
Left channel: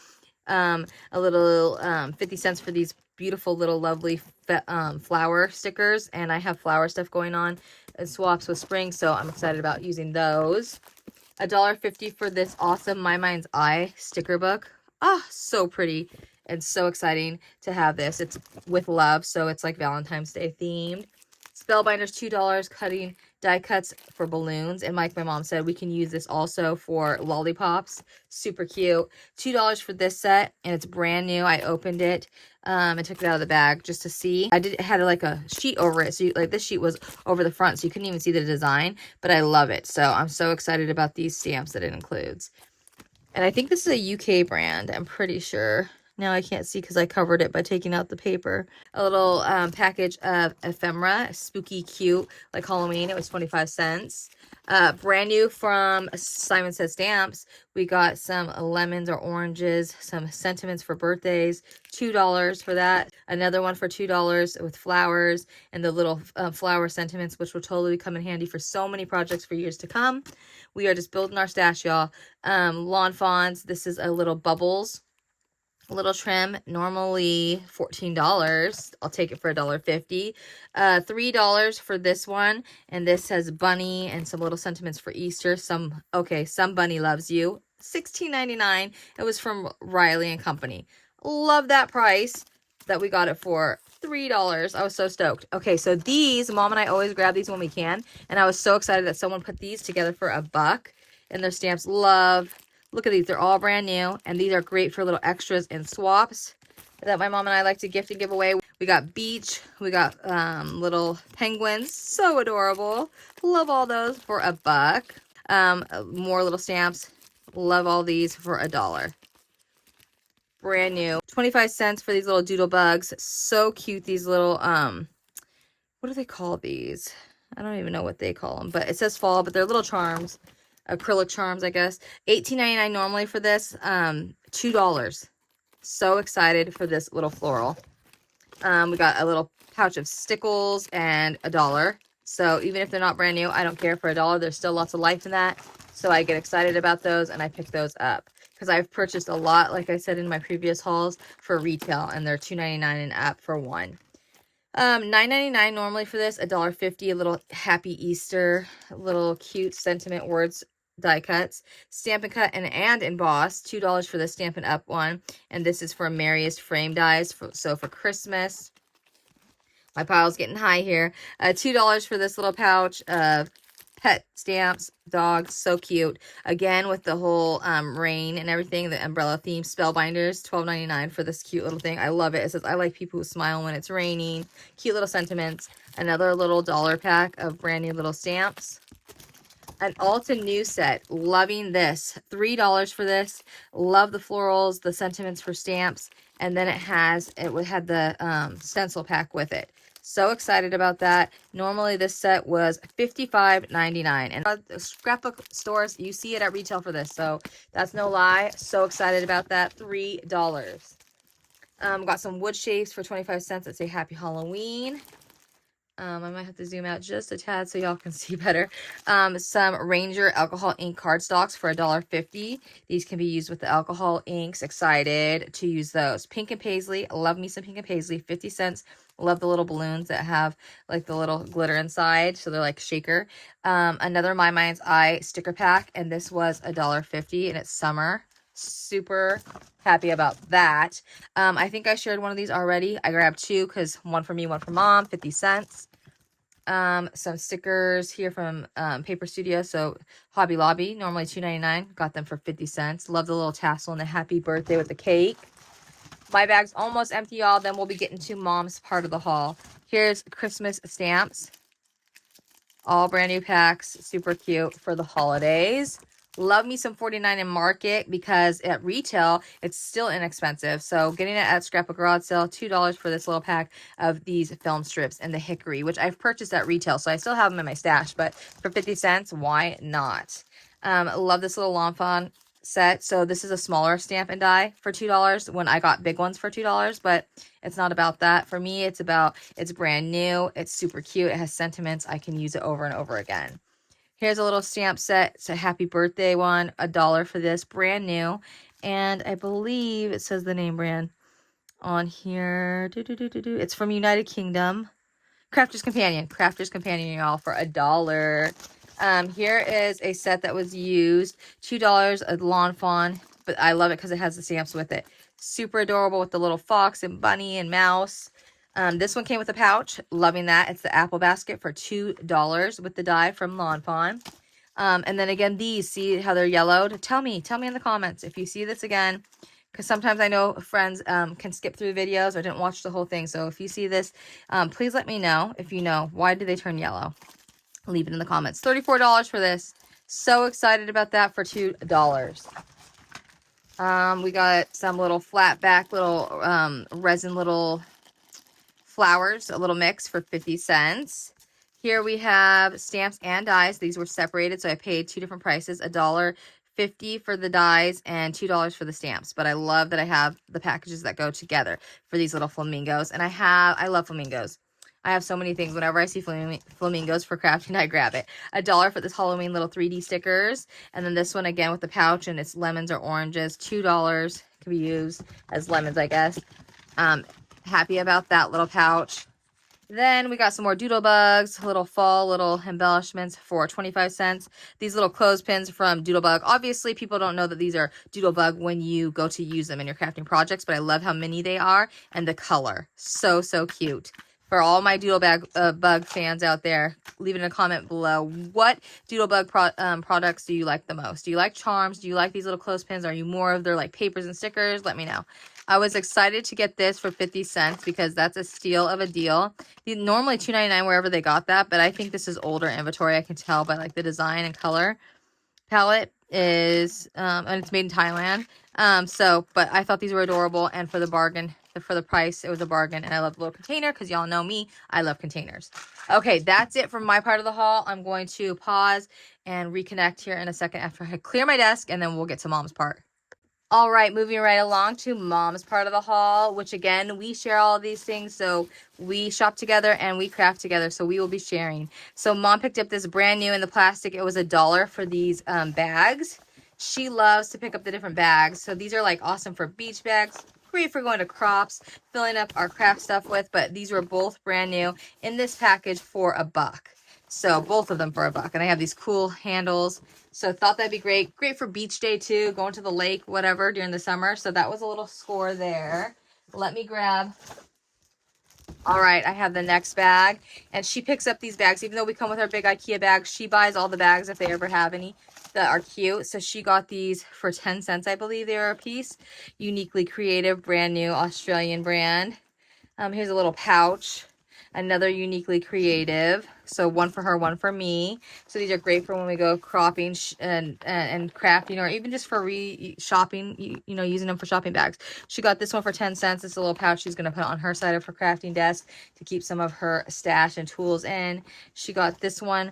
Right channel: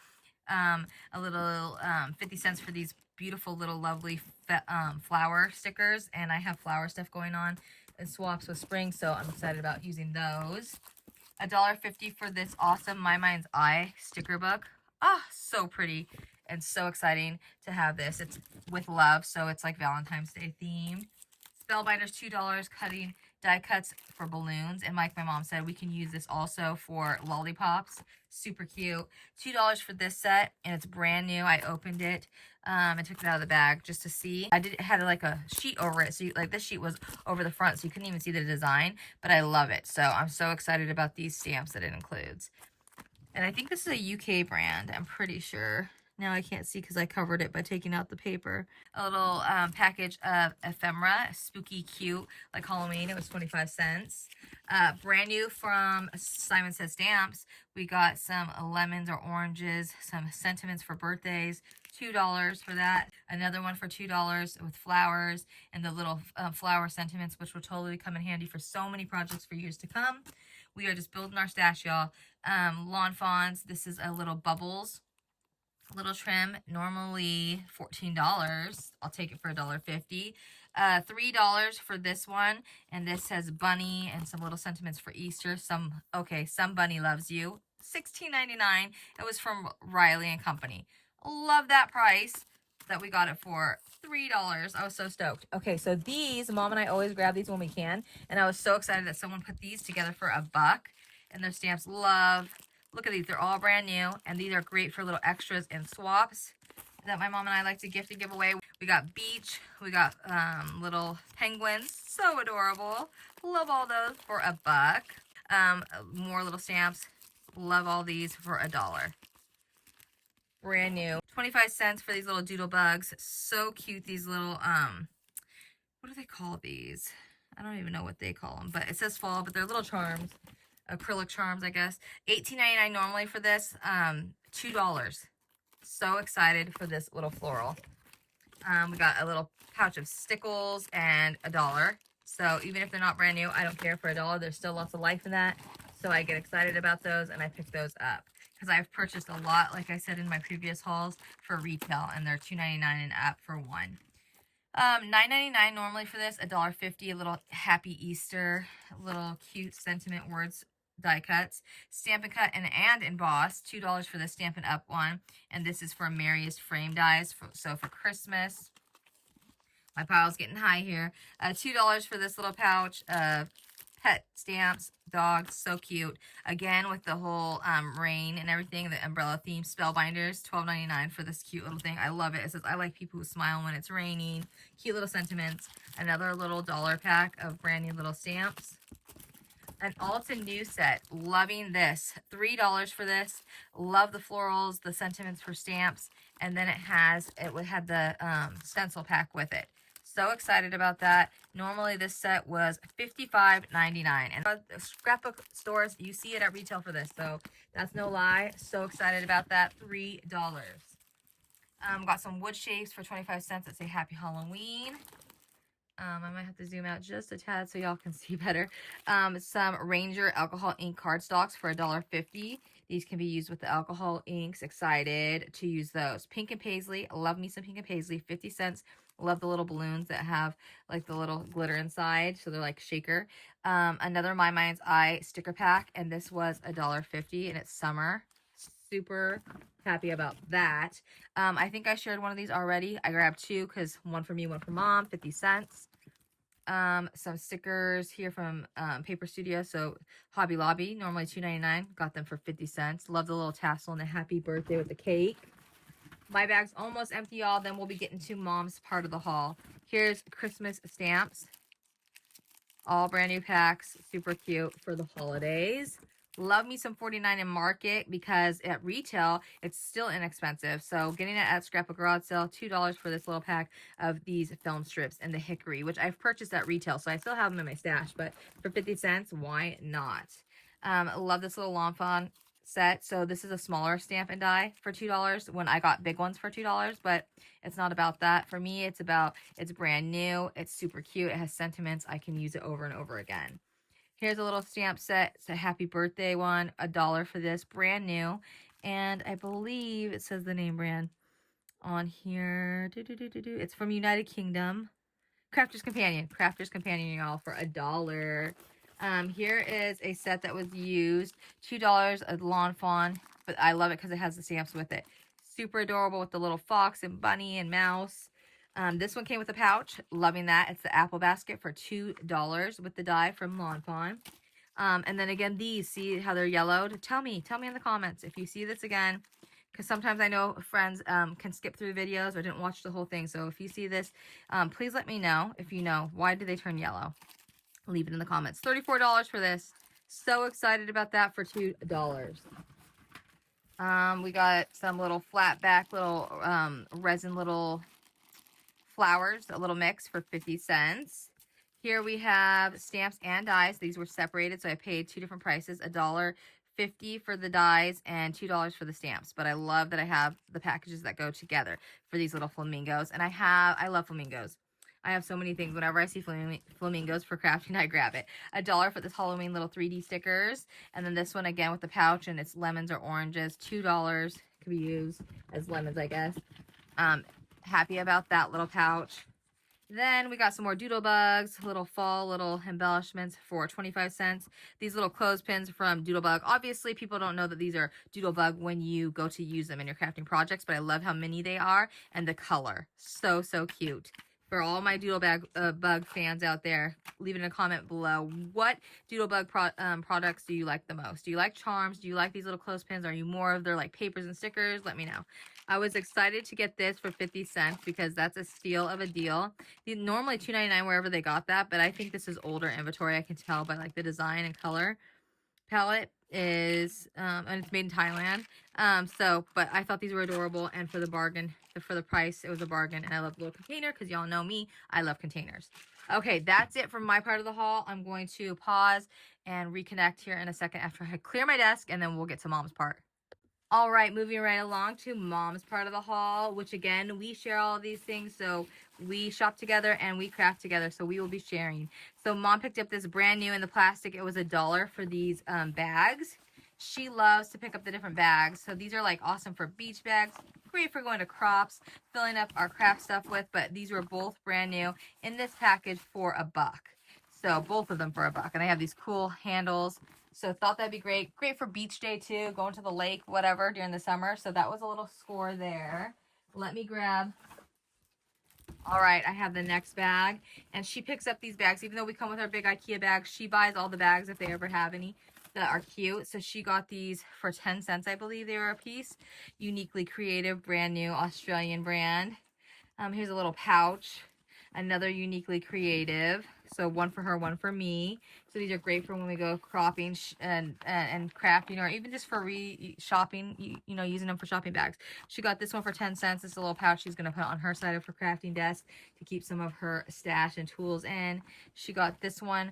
A little 50 cents for these beautiful little lovely flower stickers. And I have flower stuff going on and swaps with spring, so I'm excited about using those. $1.50 for this awesome My Mind's Eye sticker book. Ah, so pretty and so exciting to have this. It's with love, so it's like Valentine's Day themed. Spellbinders, $2, cutting die cuts for balloons. And like my mom said, we can use this also for lollipops. Super cute. $2 for this set, and it's brand new. I opened it. I took it out of the bag just to see. It had like a sheet over it. So like this sheet was over the front, so you couldn't even see the design, but I love it. So I'm so excited about these stamps that it includes. And I think this is a UK brand, I'm pretty sure. Now I can't see because I covered it by taking out the paper. A little package of ephemera, spooky, cute, like Halloween. It was 25 cents. Brand new from Simon Says Stamps. We got some lemons or oranges, some sentiments for birthdays, $2 for that. Another one for $2 with flowers and the little flower sentiments, which will totally come in handy for so many projects for years to come. We are just building our stash, y'all. Lawn Fawns. This is a little bubbles. Little trim, normally $14. I'll take it for $1.50. $3 for this one, and this has bunny and some little sentiments for Easter. Some bunny loves you. $16.99. It was from Riley and Company. Love that price that we got it for. $3. I was so stoked. Okay, so these, Mom and I always grab these when we can, and I was so excited that someone put these together for $1. And their stamps, love. Look at these. They're all brand new, and these are great for little extras and swaps that my mom and I like to gift and give away. We got beach. We got little penguins. So adorable. Love all those for $1. More little stamps. Love all these for $1. Brand new. 25 cents for these little doodle bugs. So cute. These little, what do they call these? I don't even know what they call them, but it says fall, but they're little charms. Acrylic charms, I guess. $18.99 normally for this. $2. So excited for this little floral. We got a little pouch of stickles and $1. So even if they're not brand new, I don't care. For $1, there's still lots of life in that. So I get excited about those, and I pick those up because I've purchased a lot, like I said in my previous hauls, for retail, and they're $2.99 and up for one. $9.99 normally for this. $1.50. A little happy Easter, little cute sentiment words die cuts. Stampin' Cut and emboss. $2 for the Stampin' Up one, and this is for Merriest Frame dies. So for Christmas. My pile's getting high here. $2 for this little pouch of pet stamps, dogs, so cute. Again, with the whole rain and everything, the umbrella theme, spellbinders, $12.99 for this cute little thing. I love it. It says, I like people who smile when it's raining. Cute little sentiments. Another little dollar pack of brand new little stamps. An Ulta new set. Loving this. $3 for this. Love the florals, the sentiments for stamps, and then it had the stencil pack with it. So excited about that. Normally this set was $55.99, and the scrapbook stores, you see it at retail for this, so that's no lie. So excited about that. $3. Got some wood shapes for 25 cents that say Happy Halloween. I might have to zoom out just a tad so y'all can see better. Some Ranger alcohol ink cardstocks for $1.50. These can be used with the alcohol inks. Excited to use those. Pink and Paisley. Love me some Pink and Paisley. 50 cents. Love the little balloons that have like the little glitter inside. So they're like shaker. Another My Mind's Eye sticker pack. And this was $1.50, and it's summer. Super happy about that. I think I shared one of these already. I grabbed two because one for me, one for mom. 50 cents. Some stickers here from Paper Studio. So Hobby Lobby, normally $2.99. Got them for 50 cents. Love the little tassel and the happy birthday with the cake. My bag's almost empty, y'all. Then we'll be getting to mom's part of the haul. Here's Christmas stamps. All brand new packs. Super cute for the holidays. Love me some 49 in Market because at retail, it's still inexpensive. So getting it at Scrapbook garage sale, $2 for this little pack of these film strips and the hickory, which I've purchased at retail. So I still have them in my stash, but for 50 cents, why not? Love this little Lawn Fawn set. So this is a smaller stamp and die for $2 when I got big ones for $2, but it's not about that. For me, it's brand new. It's super cute. It has sentiments. I can use it over and over again. Here's a little stamp set. It's a happy birthday one. $1 for this. Brand new. And I believe it says the name brand on here. It's from United Kingdom. Crafter's Companion. Crafter's Companion, y'all, for $1. Here is a set that was used. $2, a Lawn Fawn. But I love it because it has the stamps with it. Super adorable with the little fox and bunny and mouse. This one came with a pouch. Loving that. It's the apple basket for $2 with the die from Lawn Fawn. And then again, these, see how they're yellowed? Tell me in the comments if you see this again, because sometimes I know friends can skip through the videos or didn't watch the whole thing. So if you see this, please let me know if you know, why do they turn yellow? Leave it in the comments. $34 for this. So excited about that for $2. We got some little flat back, little resin little flowers, a little mix for 50 cents. Here we have stamps and dies. These were separated, so I paid two different prices, $1.50 for the dies and $2 for the stamps. But I love that I have the packages that go together for these little flamingos. And I love flamingos. I have so many things. Whenever I see flamingos for crafting, I grab it. $1 for this Halloween little 3D stickers. And then this one again with the pouch, and it's lemons or oranges. $2 can be used as lemons, I guess. Happy about that little pouch. Then we got some more doodle bugs, little fall, little embellishments for 25 cents. These little clothespins from Doodlebug. Obviously, people don't know that these are Doodlebug when you go to use them in your crafting projects, but I love how mini they are and the color. So, so cute. For all my Doodlebug fans out there, leave it in a comment below. What Doodlebug products do you like the most? Do you like charms? Do you like these little clothespins? Are you more of their like papers and stickers? Let me know. I was excited to get this for 50 cents because that's a steal of a deal. Normally $2.99 wherever they got that, but I think this is older inventory. I can tell by like the design and color palette is, and it's made in Thailand. But I thought these were adorable, and for the bargain, for the price, it was a bargain. And I love the little container because y'all know me, I love containers. Okay, that's it from my part of the haul. I'm going to pause and reconnect here in a second after I clear my desk, and then we'll get to Mom's part. All right, moving right along to Mom's part of the haul, which again, we share all of these things. So we shop together and we craft together. So we will be sharing. So Mom picked up this brand new in the plastic. It was $1 for these bags. She loves to pick up the different bags. So these are like awesome for beach bags. Great for going to crops, filling up our craft stuff with. But these were both brand new in this package for $1. So both of them for $1. And I have these cool handles. So thought that'd be great. Great for beach day too, going to the lake, whatever, during the summer. So that was a little score there. Let me grab. All right, I have the next bag. And she picks up these bags. Even though we come with our big IKEA bags, she buys all the bags if they ever have any that are cute. So she got these for 10 cents, I believe they are a piece. Uniquely creative, brand new Australian brand. Here's a little pouch. Another uniquely creative. So one for her, one for me. So these are great for when we go cropping and crafting, or even just for shopping, you know, using them for shopping bags. She got this one for 10 cents. It's a little pouch she's going to put on her side of her crafting desk to keep some of her stash and tools in. She got this one.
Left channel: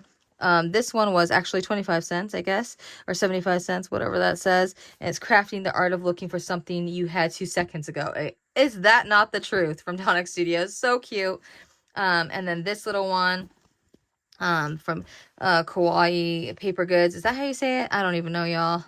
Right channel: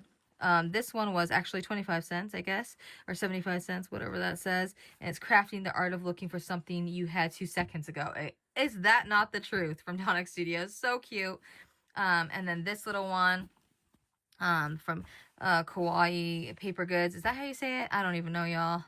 This one was actually 25 cents, I guess, or 75 cents, whatever that says. And it's Crafting the Art of Looking for Something You Had 2 Seconds Ago. Is that not the truth? From Tonic Studios. So cute. And then this little one from Kawaii Paper Goods. Is that how you say it? I don't even know, y'all.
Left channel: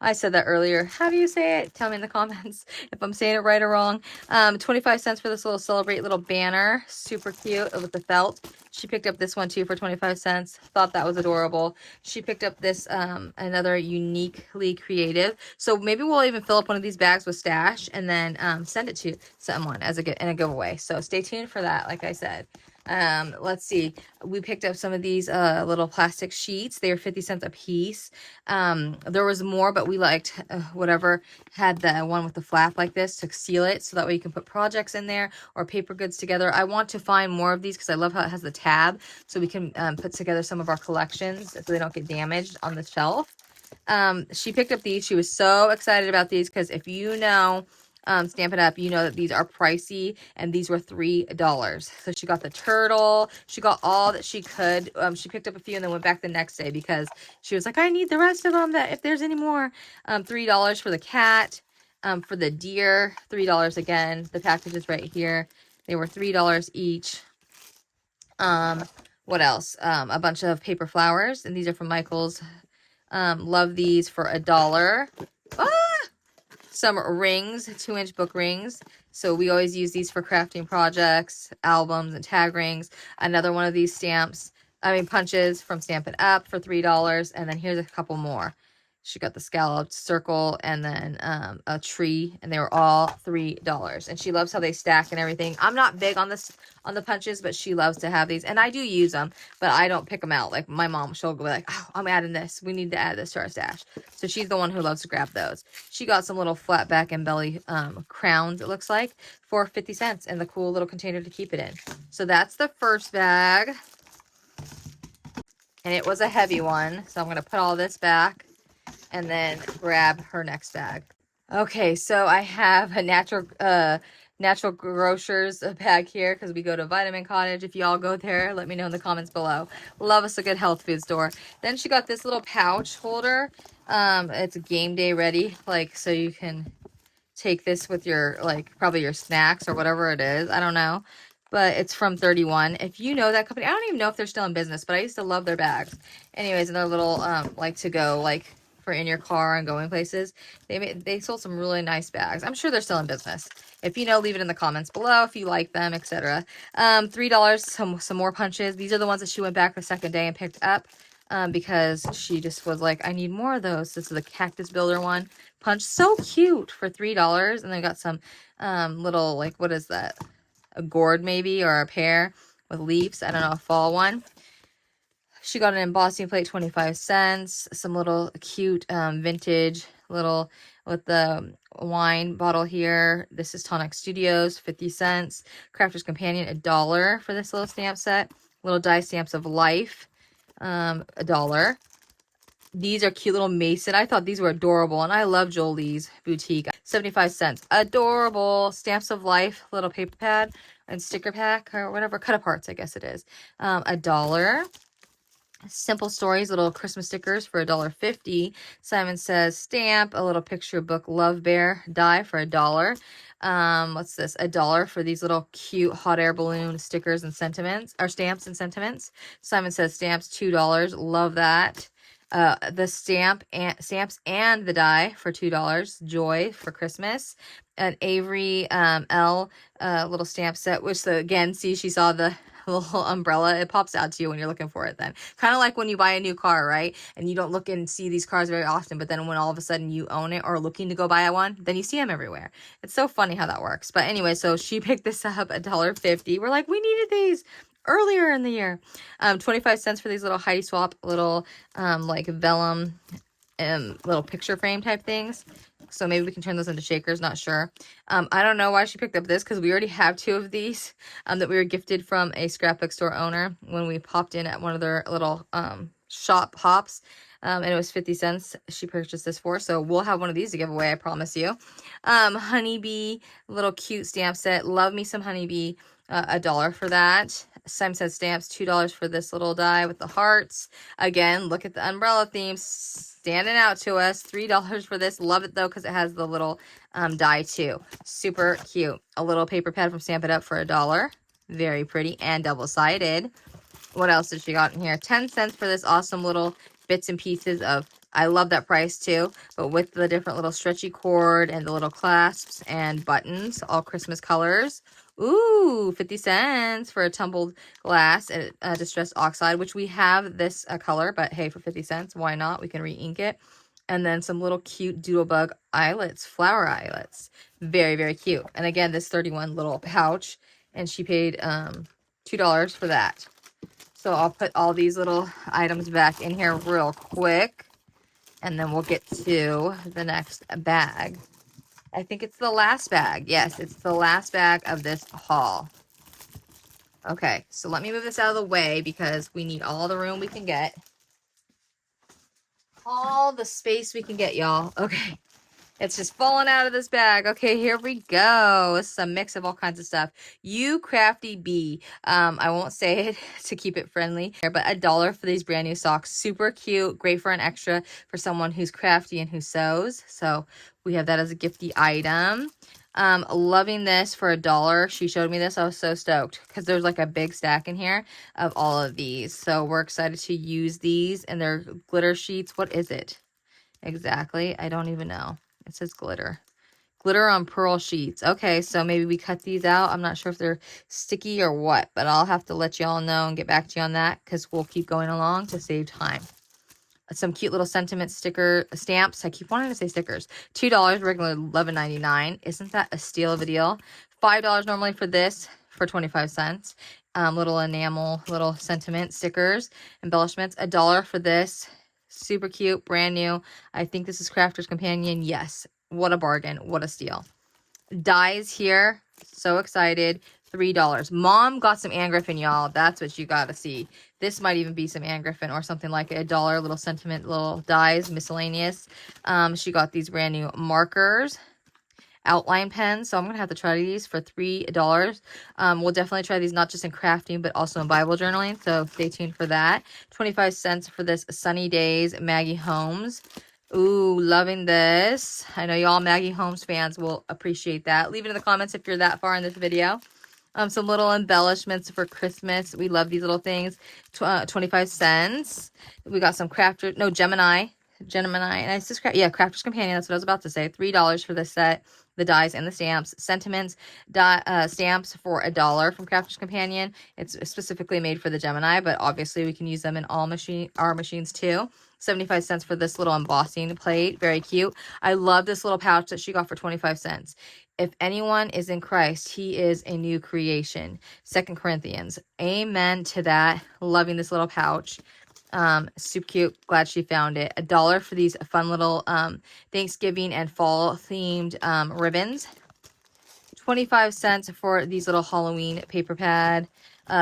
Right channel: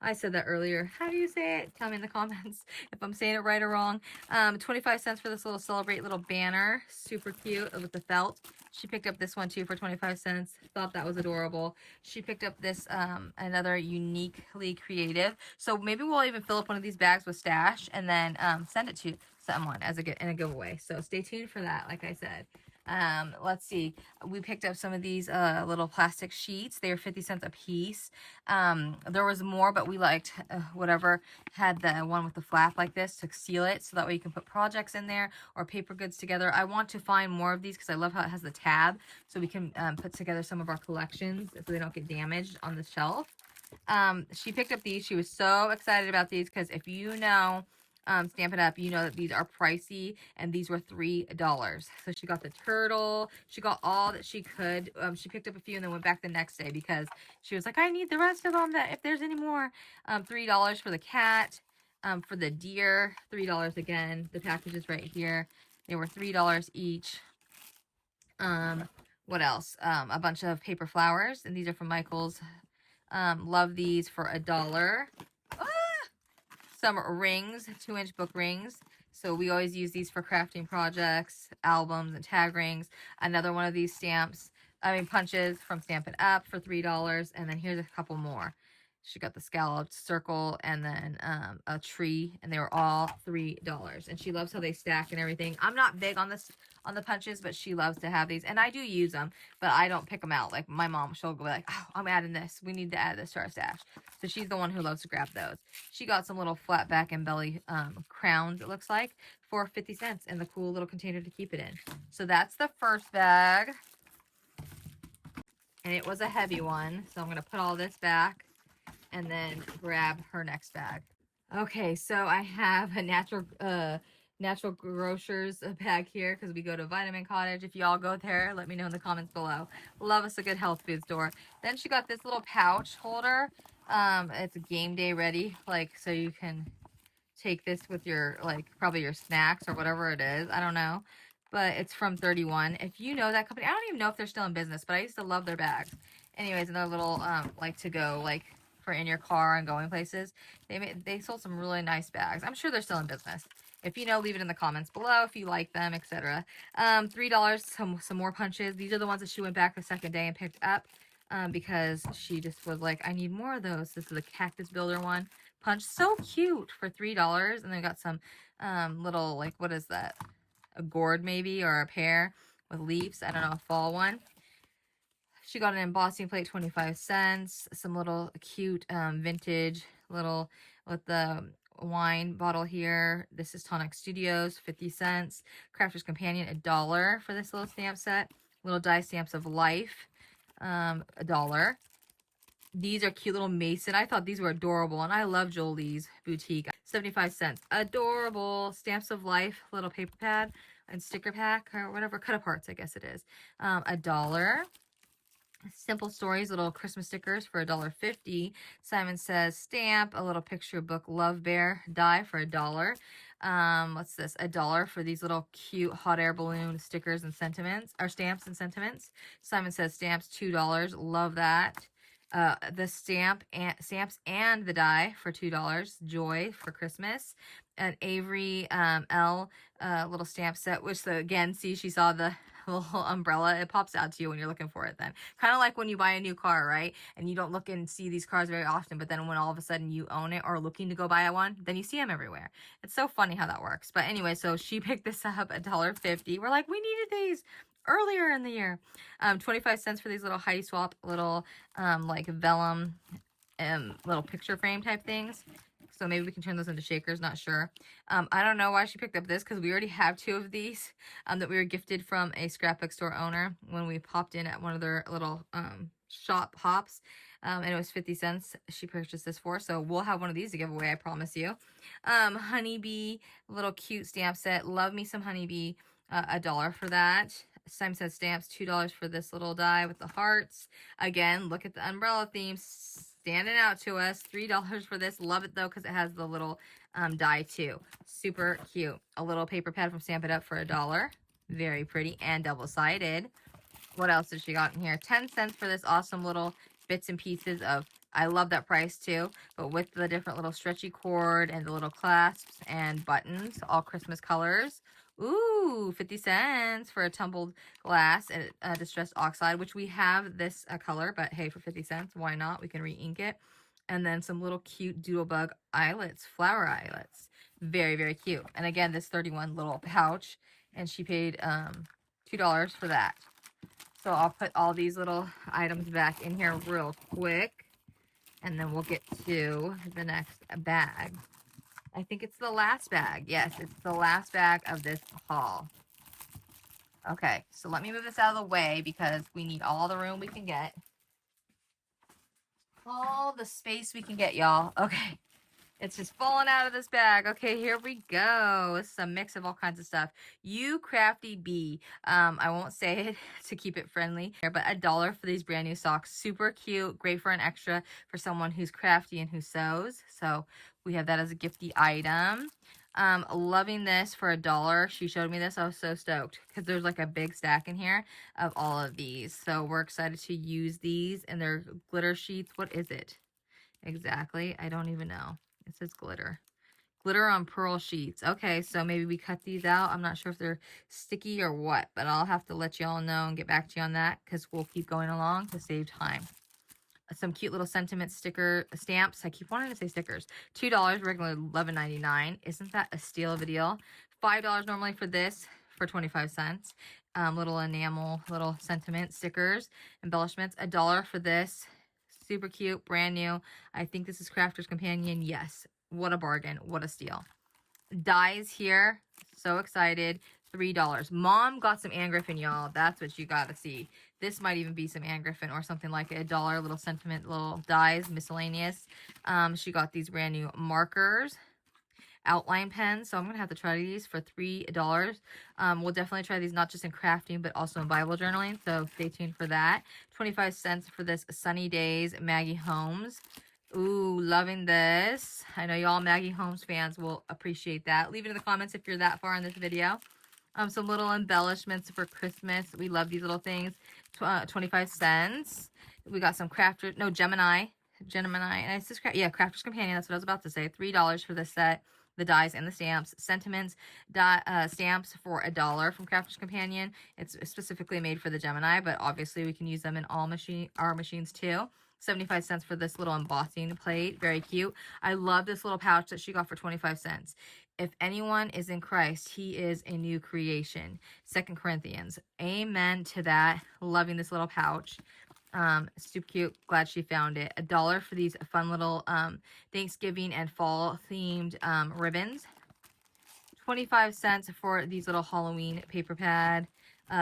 I said that earlier. How do you say it? Tell me in the comments if I'm saying it right or wrong. 25 cents for this little Celebrate little banner. Super cute with the felt. She picked up this one too for 25 cents. Thought that was adorable. She picked up this another uniquely creative. So maybe we'll even fill up one of these bags with stash and then send it to someone as a giveaway. So stay tuned for that, like I said. Let's see. We picked up some of these little plastic sheets. They are 50 cents a piece. There was more, but we liked whatever had the one with the flap like this to seal it, so that way you can put projects in there or paper goods together. I want to find more of these because I love how it has the tab, so we can put together some of our collections so they don't get damaged on the shelf. She picked up these. She was so excited about these because if you know Stampin' Up, you know that these are pricey, and these were $3. So she got the turtle. She got all that she could. She picked up a few and then went back the next day because she was like, I need the rest of them, that if there's any more. $3 for the cat. For the deer, $3 again. The package is right here. They were $3 each. What else? A bunch of paper flowers, and these are from Michael's. Love these for $1. Some rings, 2-inch book rings. So we always use these for crafting projects, albums, and tag rings. Another one of these punches from Stampin' Up for $3. And then here's a couple more. She got the scalloped circle and then a tree, and they were all $3. And she loves how they stack and everything. I'm not big on this on the punches, but she loves to have these, and I do use them, but I don't pick them out. Like my mom, she'll go like, "Oh, I'm adding this. We need to add this to our stash." So she's the one who loves to grab those. She got some little flat back and belly crowns, it looks like, for 50 cents, and the cool little container to keep it in. So that's the first bag, and it was a heavy one. So I'm gonna put all this back and then grab her next bag. Okay, so I have a natural grocers bag here because we go to Vitamin Cottage. If y'all go there, let me know in the comments below. Love us a good health food store. Then she got this little pouch holder. It's game day ready, like so you can take this with your, like, probably your snacks or whatever it is. I don't know. But it's from 31. If you know that company, I don't even know if they're still in business, but I used to love their bags. Anyways, another little, like, to go, like, for in your car and going places. They sold some really nice bags. I'm sure they're still in business. If you know, leave it in the comments below if you like them, etc. $3, some more punches. These are the ones that she went back the second day and picked up. Because she just was like, I need more of those. This is the cactus builder one punch, so cute, for $3. And then got some little, like, what is that, a gourd maybe, or a pear with leaves, I don't know, a fall one. She got an embossing plate, 25 cents. Some little cute vintage little with the wine bottle here. This is Tonic Studios, 50 cents. Crafter's Companion, $1 for this little stamp set. Little die stamps of life, $1. These are cute little mason. I thought these were adorable, and I love Jolie's Boutique. 75 cents. Adorable. Stamps of Life, little paper pad and sticker pack, or whatever. Cut aparts, I guess it is. $1. Simple Stories, little Christmas stickers for $1.50. Simon Says stamp, a little picture book Love Bear die for $1. What's this? $1 for these little cute hot air balloon stickers and sentiments, or stamps and sentiments. Simon Says stamps, $2. Love that. The stamps and the die for $2. Joy for Christmas. An Avery L little stamp set, which again, see, she saw the little umbrella. It pops out to you when you're looking for it then. Kind of like when you buy a new car, right? And you don't look and see these cars very often, but then when all of a sudden you own it or looking to go buy one, then you see them everywhere. It's so funny how that works. But anyway, so she picked this up $1.50. We're like, we needed these earlier in the year. 25 cents for these little Heidi Swap little like vellum little picture frame type things. So maybe we can turn those into shakers, not sure. I don't know why she picked up this, because we already have 2 of these that we were gifted from a scrapbook store owner when we popped in at one of their little shop hops. And it was 50 cents she purchased this for. So we'll have one of these to give away, I promise you. Honeybee, little cute stamp set. Love me some honeybee. $1 for that. Simon Says stamps, $2 for this little die with the hearts. Again, look at the umbrella theme standing out to us. $3 for this. Love it though, because it has the little die too. Super cute. A little paper pad from Stamp It Up for $1. Very pretty and double-sided. What else did she got in here? 10 cents for this awesome little bits and pieces of, I love that price too, but with the different little stretchy cord and the little clasps and buttons, all Christmas colors. Ooh, 50 cents for a tumbled glass and distressed oxide, which we have this color, but hey, for 50 cents, why not? We can re-ink it. And then some little cute doodlebug eyelets, flower eyelets. Very, very cute. And again, this 31 little pouch, and she paid $2 for that. So I'll put all these little items back in here real quick, and then we'll get to the next bag. I think it's the last bag. Yes, it's the last bag of this haul. Okay, so let me move this out of the way because we need all the room we can get. All the space we can get, y'all. Okay. It's just falling out of this bag. Okay, here we go. This is a mix of all kinds of stuff. You Crafty Bee. I won't say it to keep it friendly, but $1 for these brand new socks. Super cute. Great for an extra for someone who's crafty and who sews. So we have that as a gifty item. Loving this for $1. She showed me this. I was so stoked because there's like a big stack in here of all of these. So we're excited to use these, and they're glitter sheets. What is it exactly? I don't even know. It says glitter. Glitter on pearl sheets. Okay, so maybe we cut these out. I'm not sure if they're sticky or what, but I'll have to let y'all know and get back to you on that because we'll keep going along to save time. some cute little sentiment sticker stamps. I keep wanting to say stickers. $2, regular $11.99. Isn't that a steal of a deal? $5 normally for this for 25 cents. Little enamel, little sentiment stickers, embellishments. $1 for this. Super cute, brand new. I think this is Crafter's Companion. Yes. What a bargain. What a steal. Dies here. So excited. $3. Mom got some Anne Griffin, y'all. That's what you got to see. This might even be some Anne Griffin or something like it. $1 little sentiment, little dies, miscellaneous. She got these brand new markers, outline pens. So I'm going to have to try these for $3. We'll definitely try these not just in crafting, but also in Bible journaling. So stay tuned for that. 25 cents for this Sunny Days Maggie Holmes. Ooh, loving this. I know y'all Maggie Holmes fans will appreciate that. Leave it in the comments if you're that far in this video. Some little embellishments for Christmas. We love these little things. 25 cents. We got some Gemini. And I just, Crafter's Companion. That's what I was about to say. $3 for this set. The dies and the stamps. Sentiments stamps for $1 from Crafter's Companion. It's specifically made for the Gemini, but obviously we can use them in all our machines too. 75 cents for this little embossing plate. Very cute. I love this little pouch that she got for 25 cents. If anyone is in Christ, he is a new creation. 2 Corinthians. Amen to that. Loving this little pouch. Super cute. Glad she found it. $1 for these fun little Thanksgiving and fall themed ribbons. 25 cents for these little Halloween paper pad.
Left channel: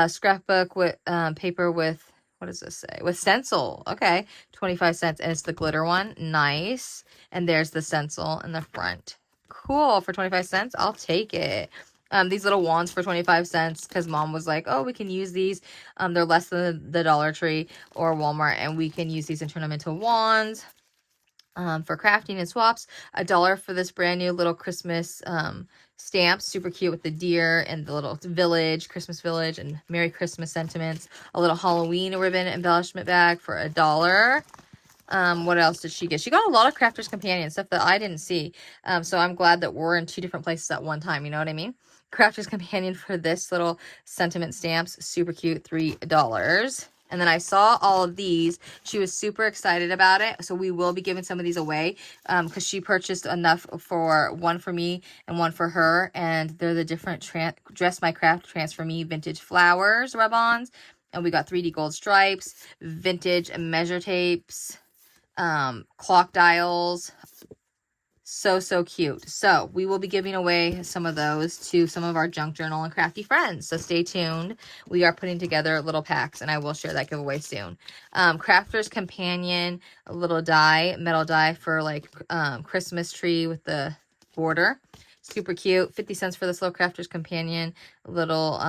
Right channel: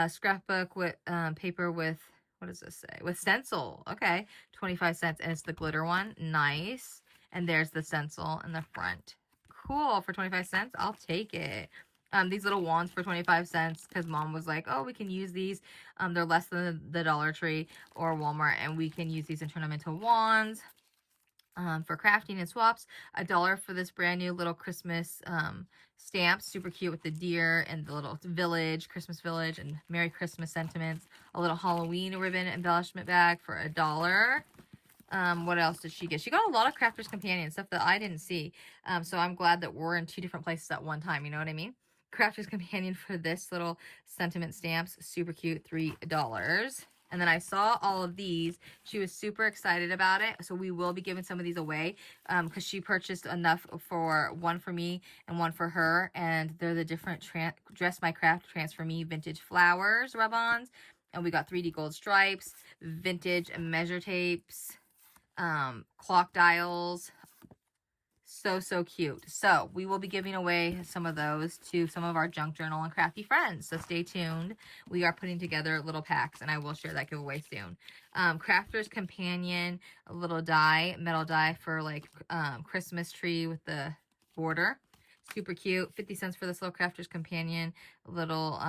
Scrapbook with paper with, what does this say? With stencil. Okay. 25 cents. And it's the glitter one. Nice. And there's the stencil in the front. Cool. For 25 cents, I'll take it. These little wands for 25 cents because Mom was like, oh, we can use these. They're less than the Dollar Tree or Walmart, and we can use these and turn them into wands for crafting and swaps. $1 for this brand new little Christmas stamps. Super cute with the deer and the little village, Christmas village, and Merry Christmas sentiments. A little Halloween ribbon embellishment bag for $1. What else did she get? She got a lot of Crafter's Companion stuff that I didn't see. So I'm glad that we're in 2 different places at one time. You know what I mean? Crafter's Companion for this little sentiment stamps. Super cute. $3. And then I saw all of these. She was super excited about it. So we will be giving some of these away because she purchased enough for one for me and one for her. And they're the different Dress My Craft Transfer Me Vintage Flowers rub-ons. And we got 3D gold stripes, vintage measure tapes, clock dials. So cute. So we will be giving away some of those to some of our junk journal and crafty friends. So stay tuned. We are putting together little packs and I will share that giveaway soon. Crafter's Companion, a little die, metal die for like Christmas tree with the border. Super cute. 50 cents for this little Crafter's Companion little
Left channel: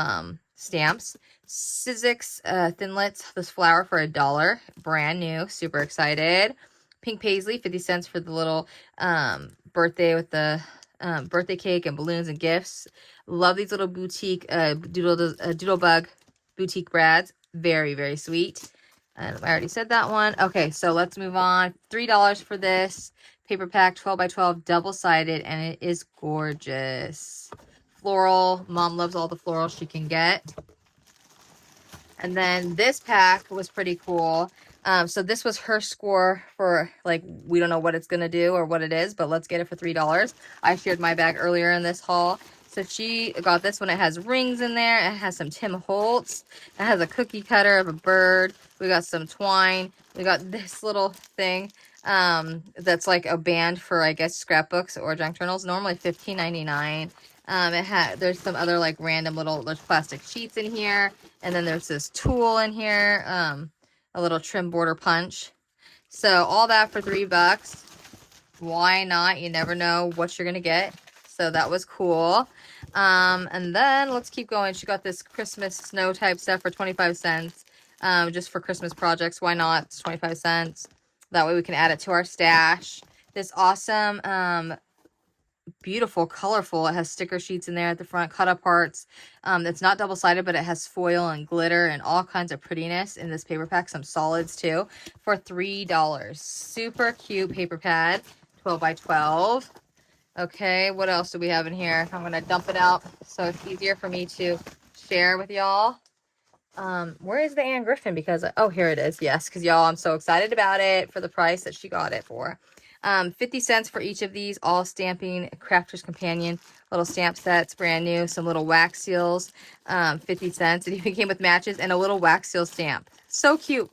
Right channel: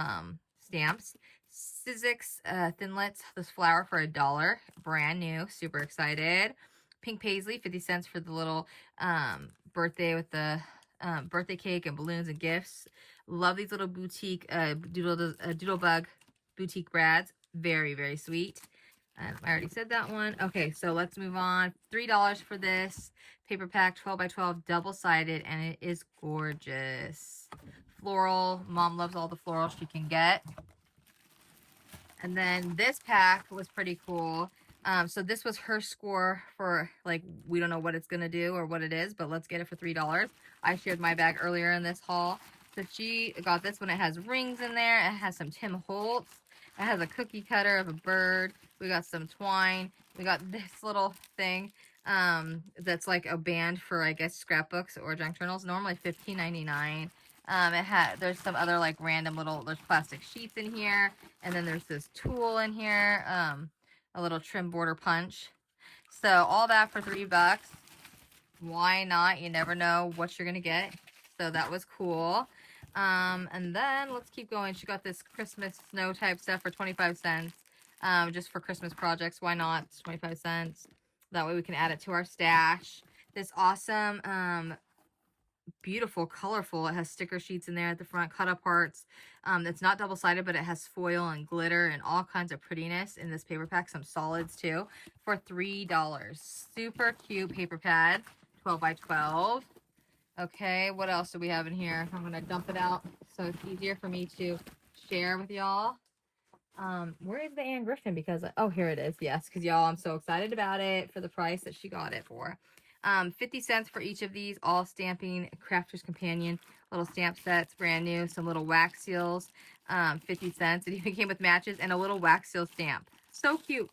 stamps. Sizzix Thinlits, this flower for $1. Brand new. Super excited. Pink Paisley, 50 cents for the little birthday with the birthday cake and balloons and gifts. Love these little boutique Doodlebug boutique brads. Very sweet. And I already said that one. Okay, so let's move on. $3 for this paper pack, 12 by 12, double-sided, and it is gorgeous. Floral. Mom loves all the florals she can get. And then this pack was pretty cool. So this was her score for, like, we don't know what it's going to do or what it is, but let's get it for $3. I shared my bag earlier in this haul. So she got this one. It has rings in there. It has some Tim Holtz. It has a cookie cutter of a bird. We got some twine. We got this little thing that's like a band for, I guess, scrapbooks or junk journals. Normally $15.99. There's some other like random there's plastic sheets in here. And then there's this tool in here. A little trim border punch. So all that for $3. Why not? You never know what you're going to get. So that was cool. And then let's keep going. She got this Christmas snow type stuff for 25 cents. Just for Christmas projects. Why not? It's 25 cents. That way we can add it to our stash. This awesome, beautiful, colorful. It has sticker sheets in there at the front, cut up parts. It's not double-sided, but it has foil and glitter and all kinds of prettiness in this paper pack. Some solids too for $3. Super cute paper pad, 12 by 12. Okay, what else do we have in here? I'm going to dump it out so it's easier for me to share with y'all. Where is the Anne Griffin? Because, oh, here it is. Yes, because y'all, I'm so excited about it for the price that she got it for. 50 cents for each of these, all stamping Crafter's Companion little stamp sets, brand new. Some little wax seals, 50 cents. It even came with matches and a little wax seal stamp. So cute.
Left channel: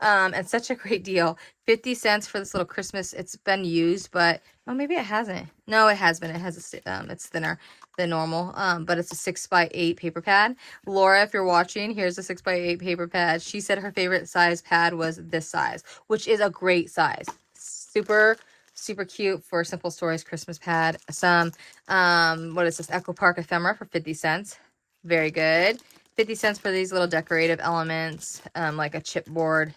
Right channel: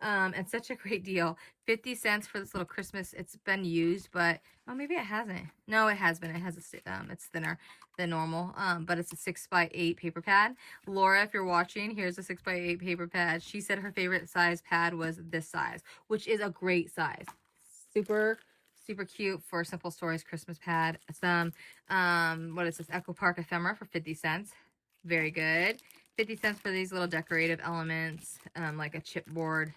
And such a great deal. 50 cents for this little Christmas. It's been used, but oh, maybe it hasn't. No, it has been. It has it's thinner than normal. But it's a 6x8 paper pad. Laura, if you're watching, here's a 6x8 paper pad. She said her favorite size pad was this size, which is a great size. Super cute for Simple Stories Christmas pad. Some what is this, Echo Park ephemera for 50 cents. Very good. 50 cents for these little decorative elements, like a chipboard,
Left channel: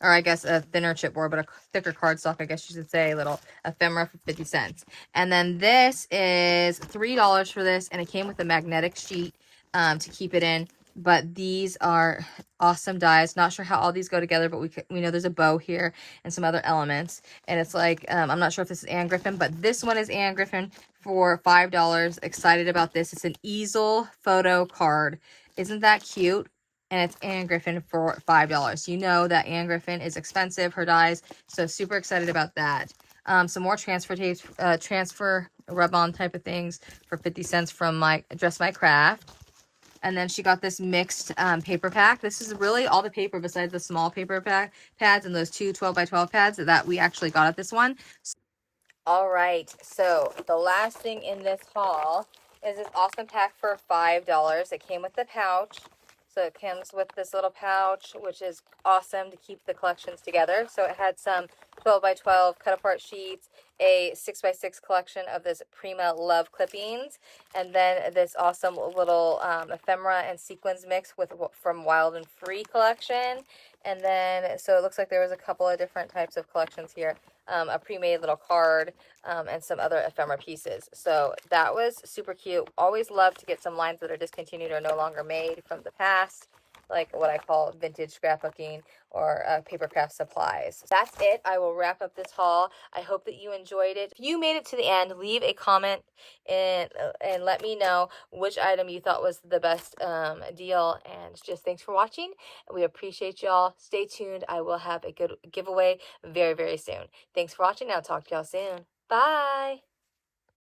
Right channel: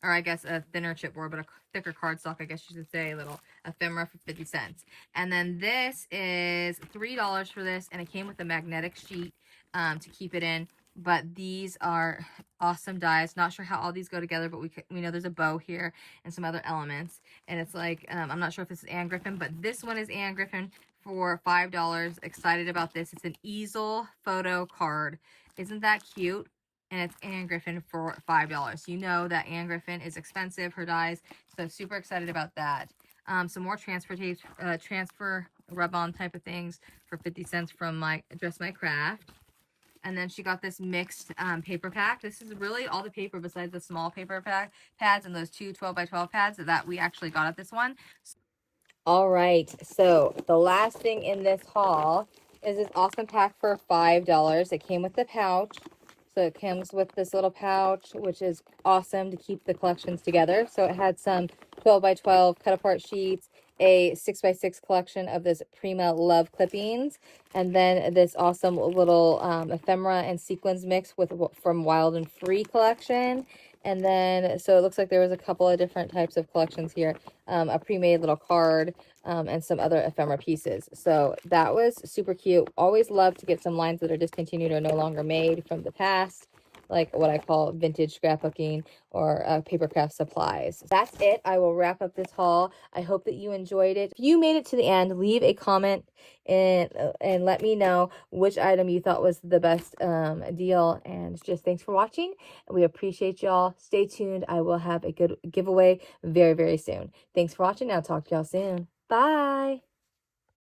or I guess a thinner chipboard, but a thicker cardstock, I guess you should say, little ephemera for 50 cents. And then this is $3 for this, and it came with a magnetic sheet to keep it in. But these are awesome dies. Not sure how all these go together, but we know there's a bow here and some other elements. And it's like, I'm not sure if this is Anne Griffin, but this one is Anne Griffin for $5. Excited about this. It's an easel photo card. Isn't that cute? And it's Anne Griffin for $5. You know that Anne Griffin is expensive, her dies, so super excited about that. Some more transfer tapes, transfer rub-on type of things for 50 cents from Dress My Craft. And then she got this mixed paper pack. This is really all the paper besides the small paper pads and those two 12x12 pads that we actually got at this one. All right, so the last thing in this haul is this awesome pack for $5. It came with the pouch. So it comes with this little pouch, which is awesome to keep the collections together. So it had some 12x12 cut apart sheets, a 6x6 collection of this Prima Love clippings, and then this awesome little ephemera and sequins mix from Wild and Free collection. And then, so it looks like there was a couple of different types of collections here. A pre-made little card, and some other ephemera pieces. So that was super cute. Always love to get some lines that are discontinued or no longer made from the past, like what I call vintage scrapbooking or paper craft supplies. That's it. I will wrap up this haul. I hope that you enjoyed it. If you made it to the end, leave a comment and let me know which item you thought was the best deal. And just thanks for watching. We appreciate y'all. Stay tuned. I will have a good giveaway very, very soon. Thanks for watching. I'll talk to y'all soon. Bye.